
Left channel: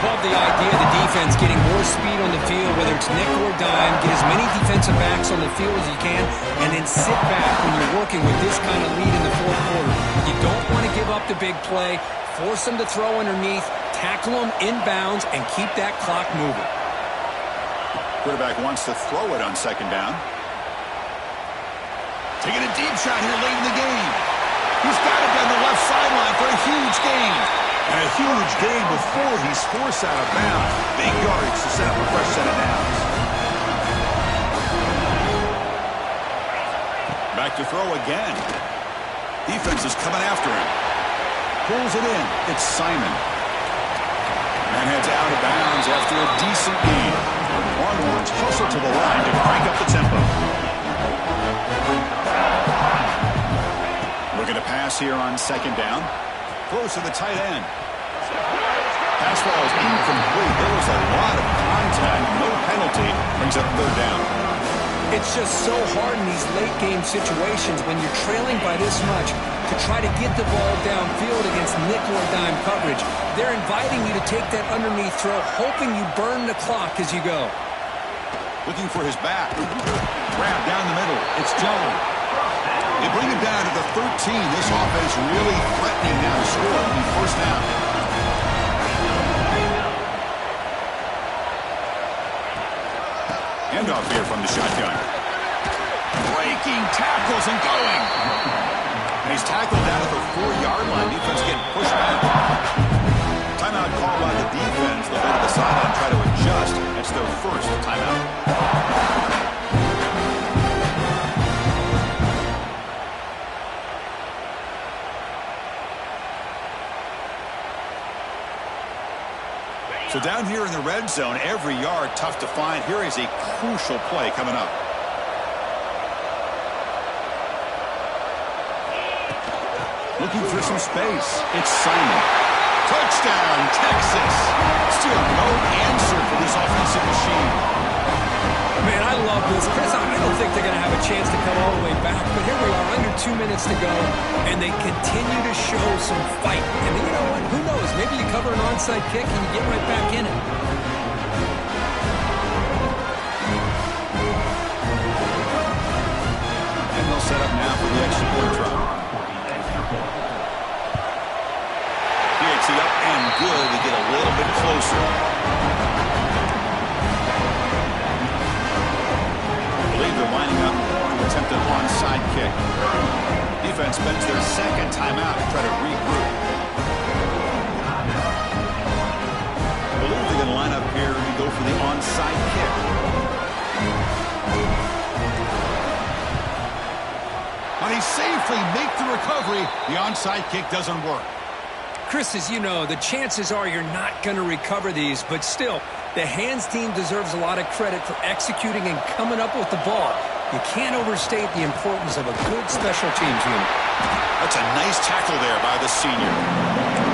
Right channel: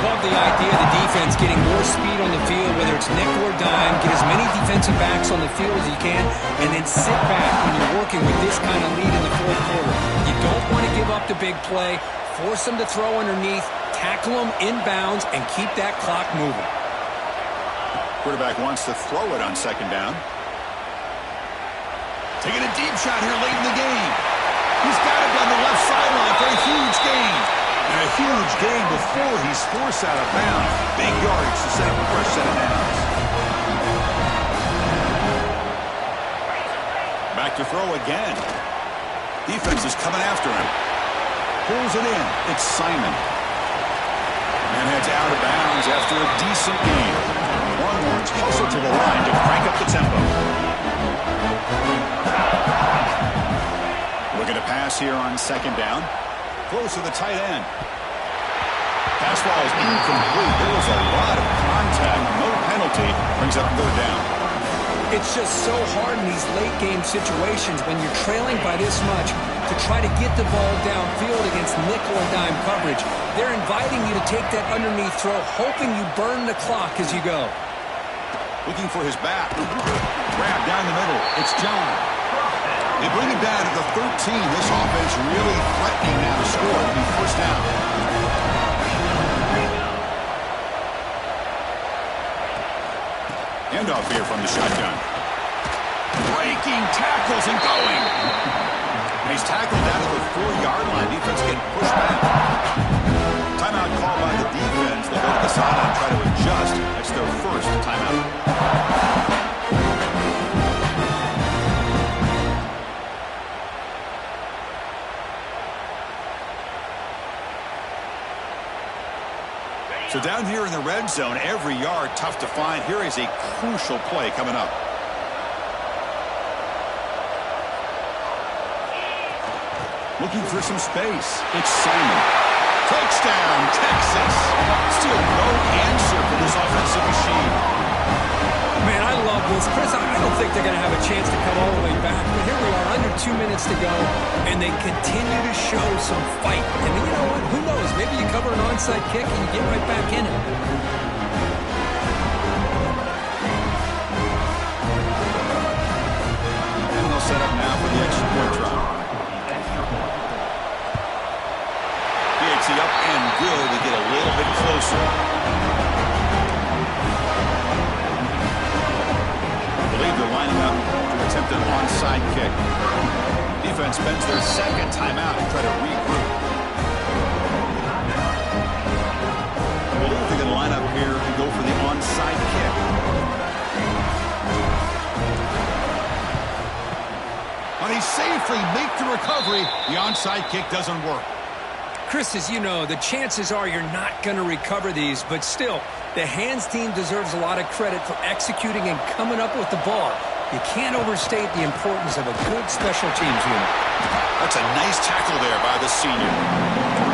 Love the idea of the defense getting more speed on the field, whether it's nickel or dime. Get as many defensive backs on the field as you can, and then sit back when you're working with this kind of lead in the fourth quarter. You don't want to give up the big play. Force them to throw underneath, tackle them inbounds, and keep that clock moving. Quarterback wants to throw it on second down. Taking a deep shot here late in the game. He's got it down the left sideline for a huge gain. And a huge gain before he's forced out of bounds. Big yardage to set up a fresh set of downs. Back to throw again. Defense is coming after him. Pulls it in. It's Simon. Man heads out of bounds after a decent gain. Longhorns hustle to the line to crank up the tempo. Looking to pass here on second down. Throws to the tight end. Pass ball is incomplete. There was a lot of contact. No penalty. Brings up third down. It's just so hard in these late game situations when you're trailing by this much to try to get the ball downfield against nickel or dime coverage. They're inviting you to take that underneath throw, hoping you burn the clock as you go. Looking for his back. Grab down the middle. It's John. They bring him down to the 13. This offense really threatening now to score. It'll be first down. Handoff here from the shotgun. Breaking tackles and going. And he's tackled down at the 4-yard line. Defense getting pushed back. Timeout called by the defense. They'll go to the sideline and try to adjust. That's their first timeout. So down here in the red zone, every yard tough to find. Here is a crucial play coming up. Looking for some space. It's Simon. Touchdown, Texas. Still no answer for this offensive machine. Man, I love this. Chris, I don't think they're going to have a chance to come all the way back, but here we are, under 2 minutes to go, and they continue to show some fight. And you know what? Who knows? Maybe you cover an onside kick and you get right back in it. And they'll set up now for the extra point try. PHC up and good. They get a little bit closer. I believe they're lining up to attempt an onside kick. Defense spends their second timeout to try to regroup. I believe they're going to line up here to go for the onside kick. And they safely make the recovery. The onside kick doesn't work. Chris, as you know, the chances are you're not going to recover these, but still, the hands team deserves a lot of credit for executing and coming up with the ball. You can't overstate the importance of a good special teams unit. That's a nice tackle there by the senior.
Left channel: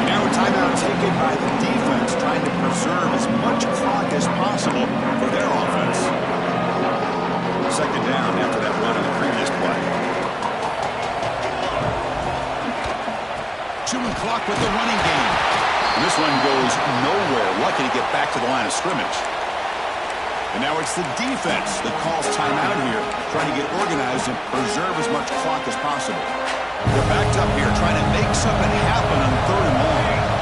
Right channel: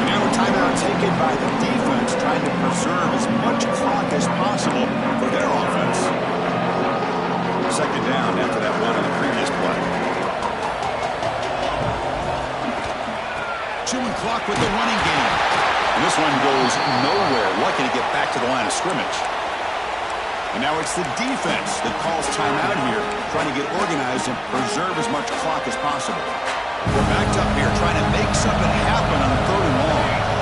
Now a timeout taken by the defense, trying to preserve as much clock as possible for their offense. Second down after that run on the previous play. Chewing clock with the running game. And this one goes nowhere. Lucky to get back to the line of scrimmage. And now it's the defense that calls timeout here, trying to get organized and preserve as much clock as possible. They're backed up here, trying to make something happen on third and long.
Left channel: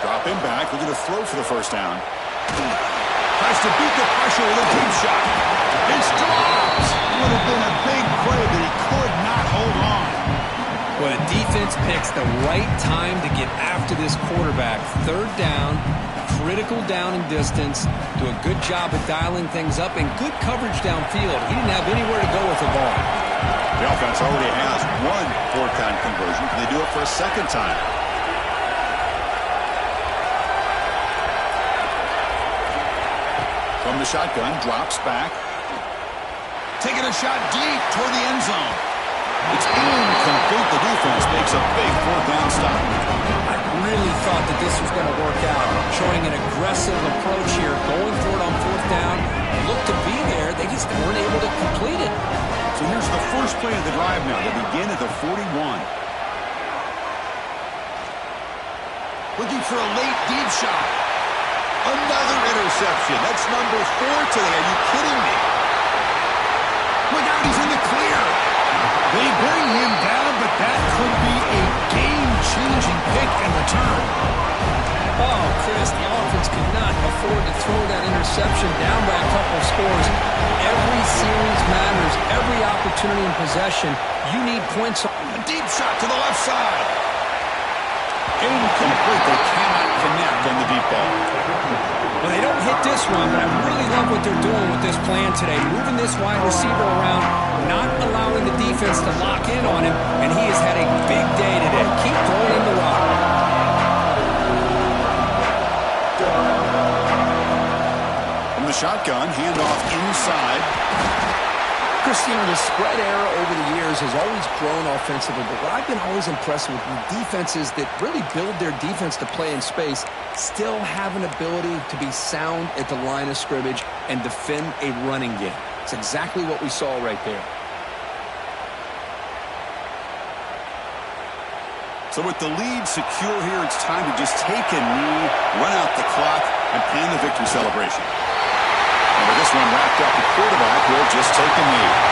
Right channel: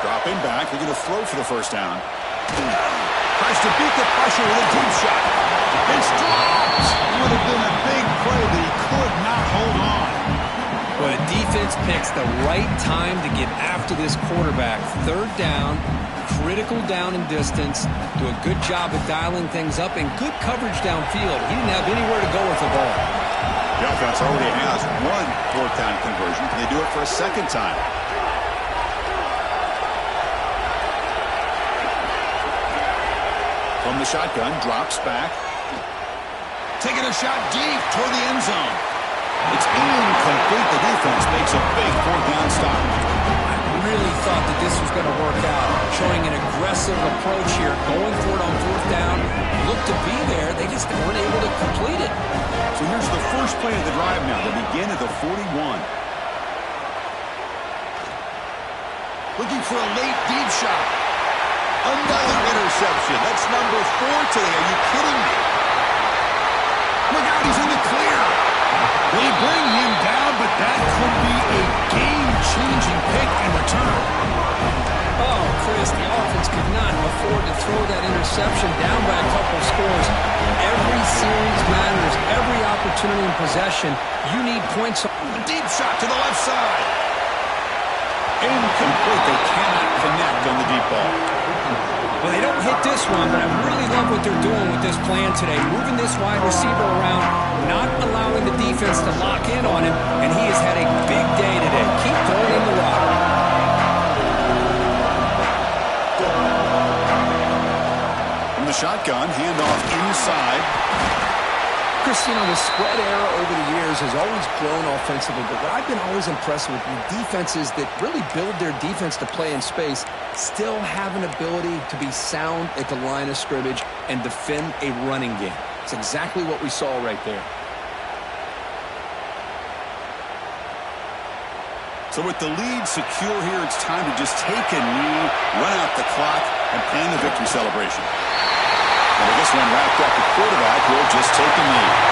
Dropping back, looking to throw for the first down. Tries to beat the pressure with a deep shot. It's dropped. Would have been a big play, but he could not hold on. Well, the defense picks the right time to get after this quarterback. Third down, critical down and distance. Do a good job of dialing things up and good coverage downfield. He didn't have anywhere to go with the ball. The offense already has one fourth down conversion. Can they do it for a second time? From the shotgun, drops back. Taking a shot deep toward the end zone. It's incomplete. The defense makes a big fourth down stop. I really thought that this was going to work out. Showing an aggressive approach here, going for it on fourth down. Looked to be there. They just weren't able to complete it. So here's the first play of the drive now. They begin at the 41. Looking for a late deep shot. Another interception. That's number 4 today. Are you kidding me? Look out, he's in the clear. They bring him down, but that could be a game-changing pick and return. Oh, Chris, the offense could not afford to throw that interception down by a couple scores. Every series matters. Every opportunity in possession, you need points. A deep shot to the left side. Incomplete. They cannot connect on the deep ball. Well, they don't hit this one, but I really love what they're doing with this plan today. Moving this wide receiver around, not allowing the defense to lock in on him, and he has had a big day today. Keep throwing him the rock. From the shotgun, handoff inside. Chris, you know, the spread era over the years has always grown offensively, but what I've been always impressed with defenses that really build their defense to play in space still have an ability to be sound at the line of scrimmage and defend a running game. It's exactly what we saw right there. So with the lead secure here, it's time to just take a knee, run out the clock, and plan the victory celebration. And with this one wrapped up, the quarterback will just take a knee.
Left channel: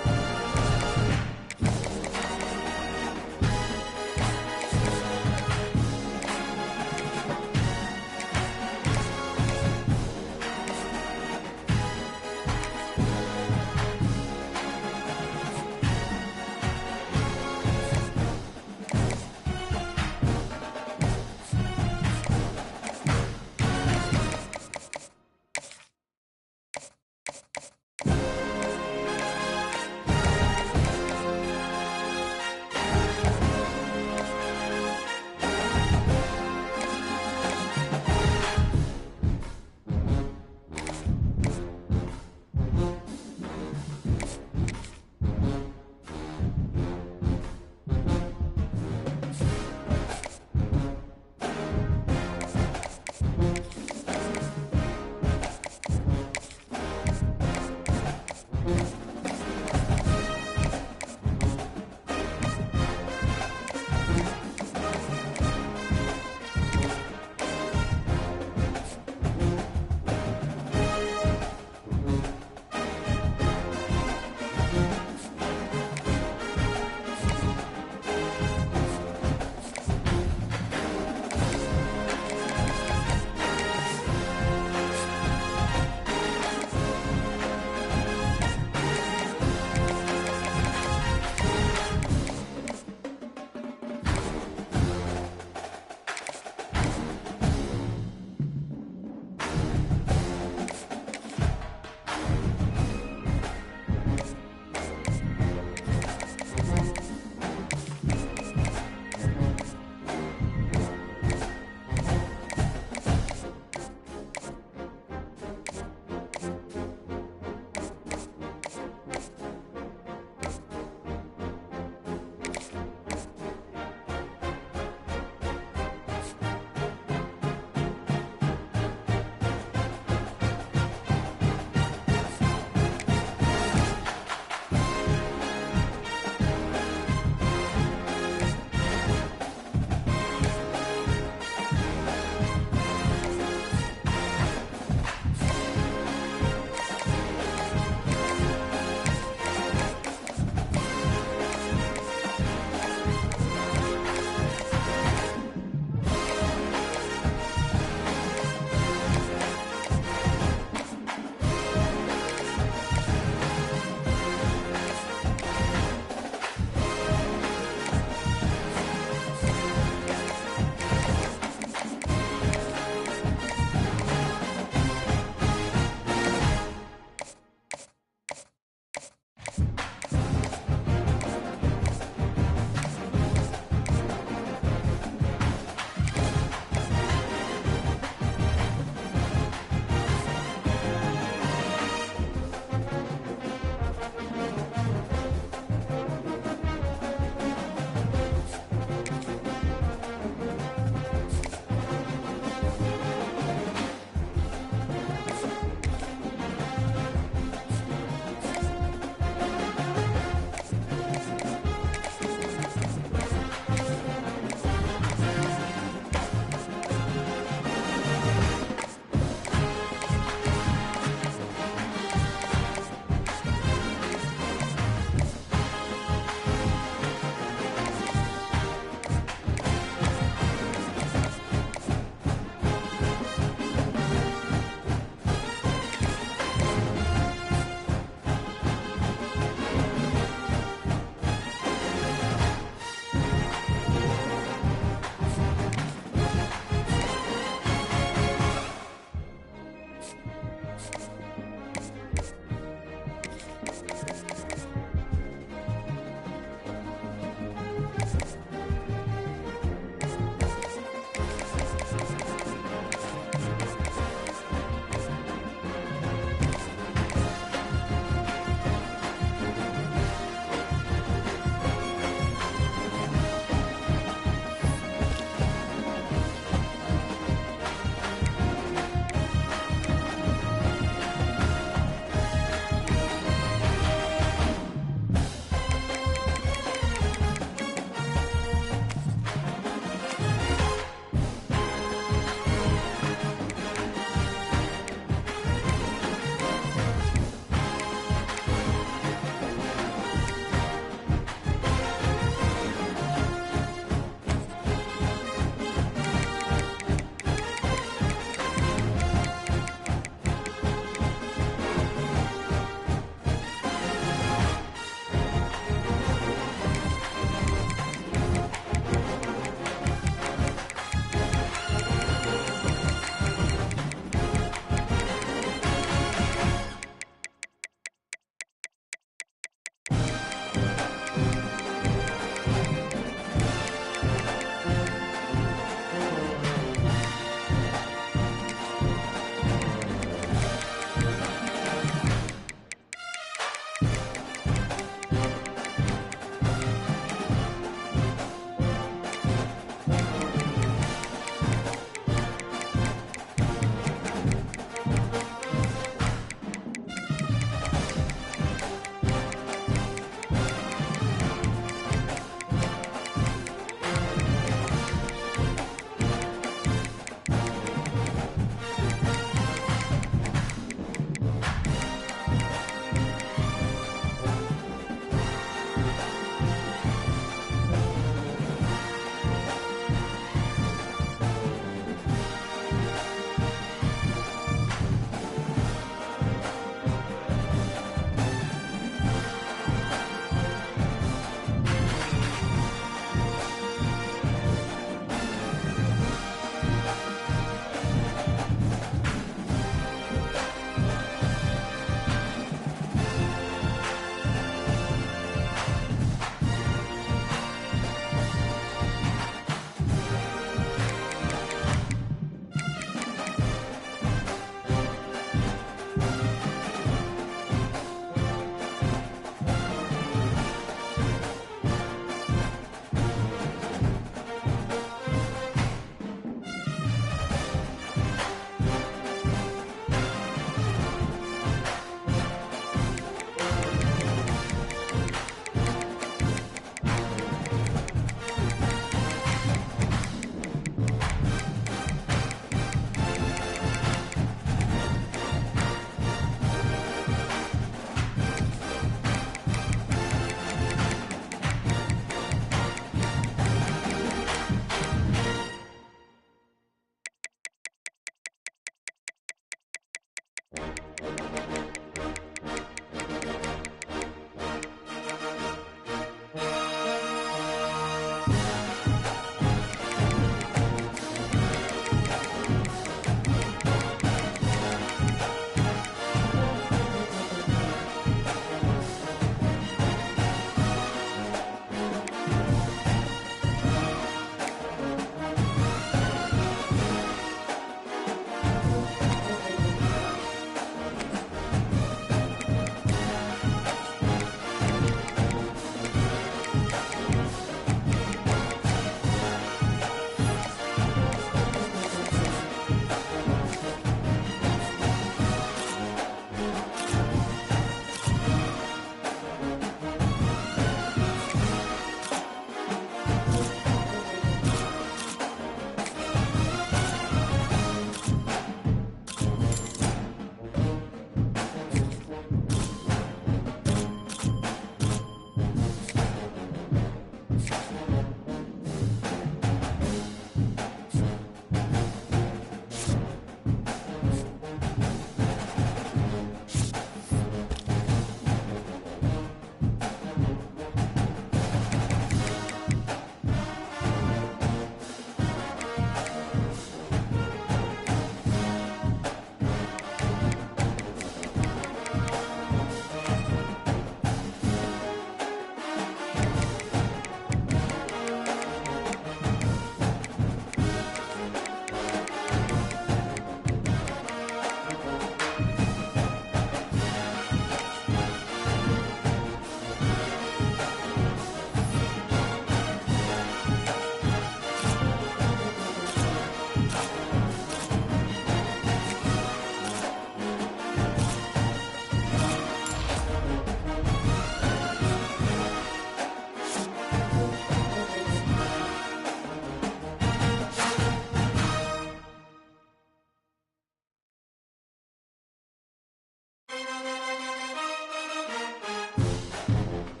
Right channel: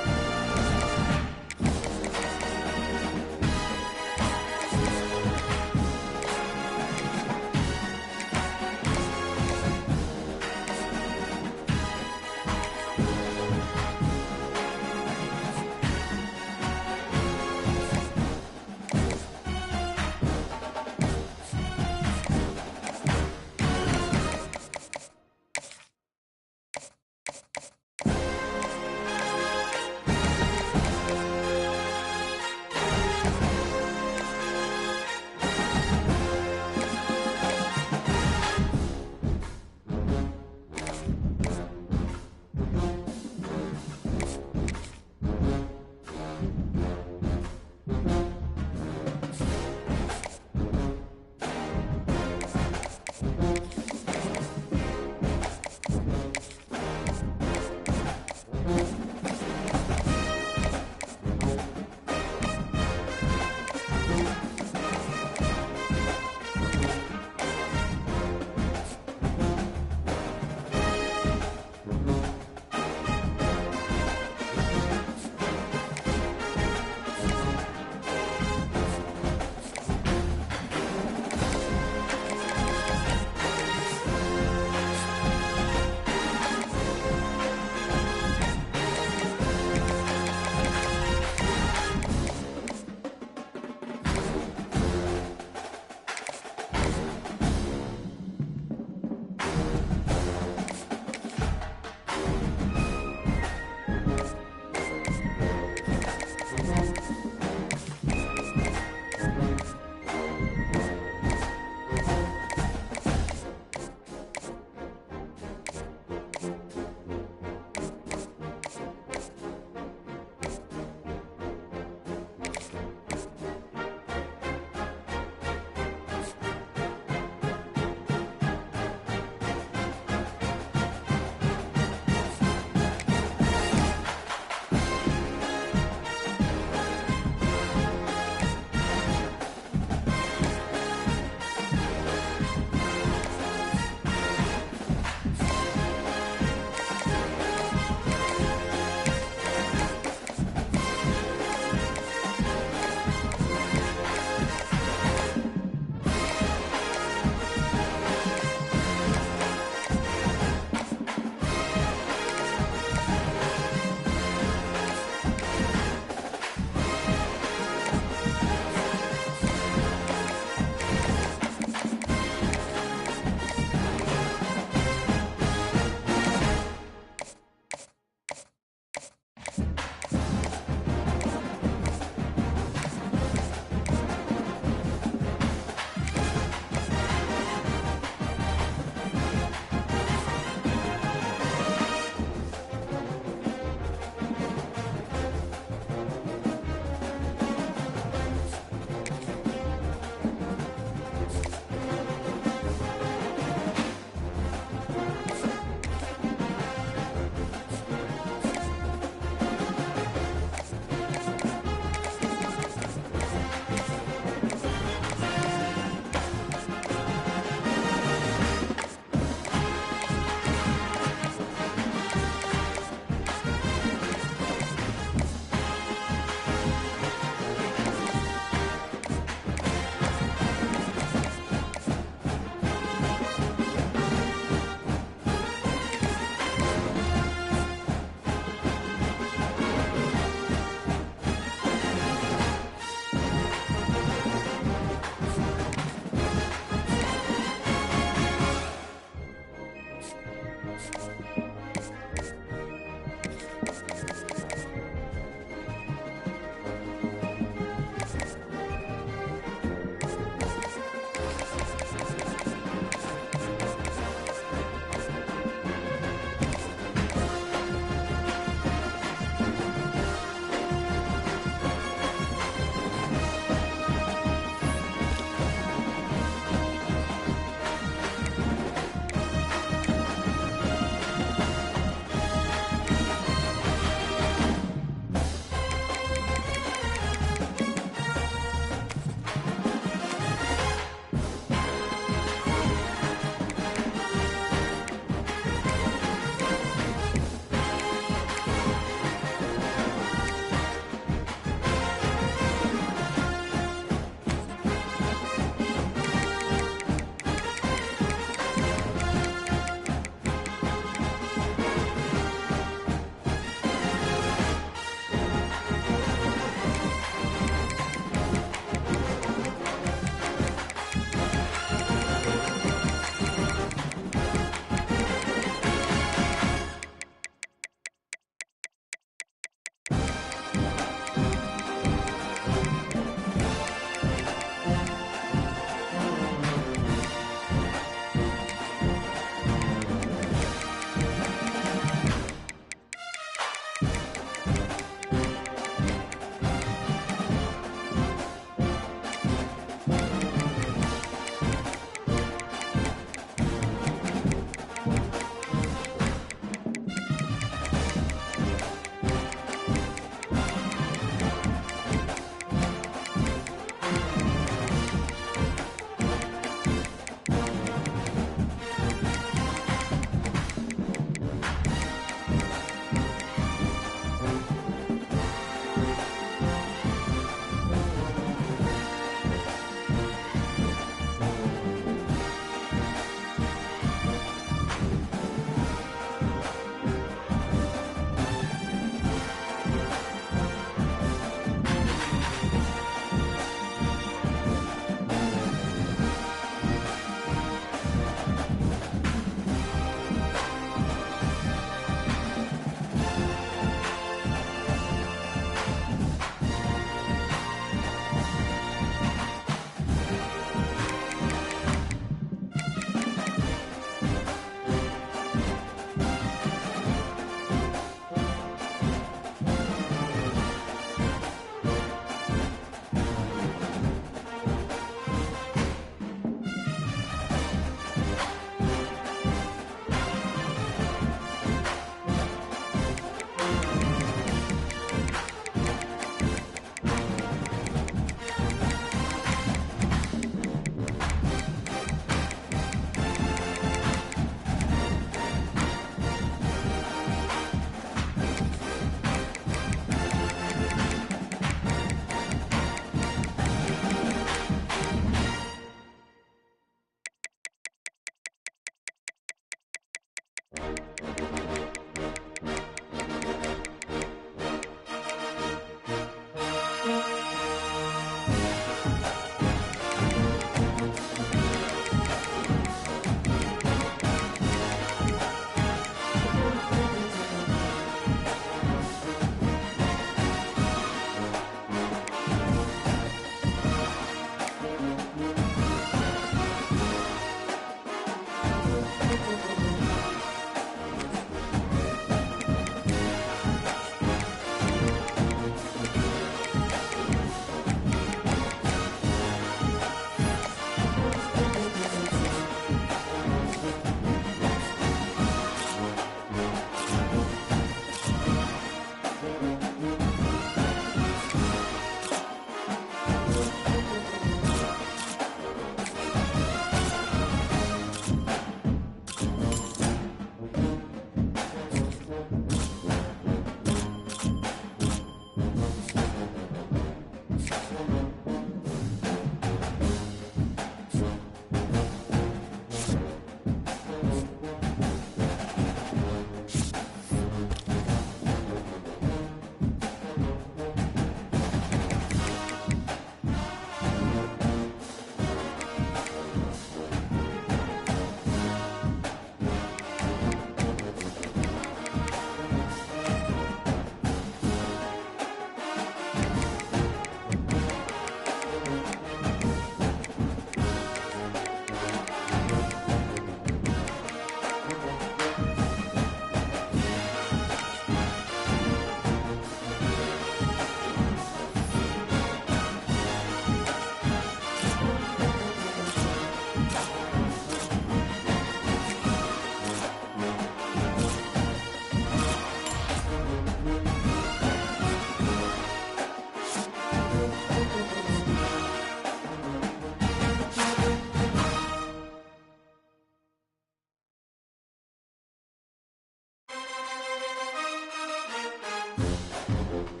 it.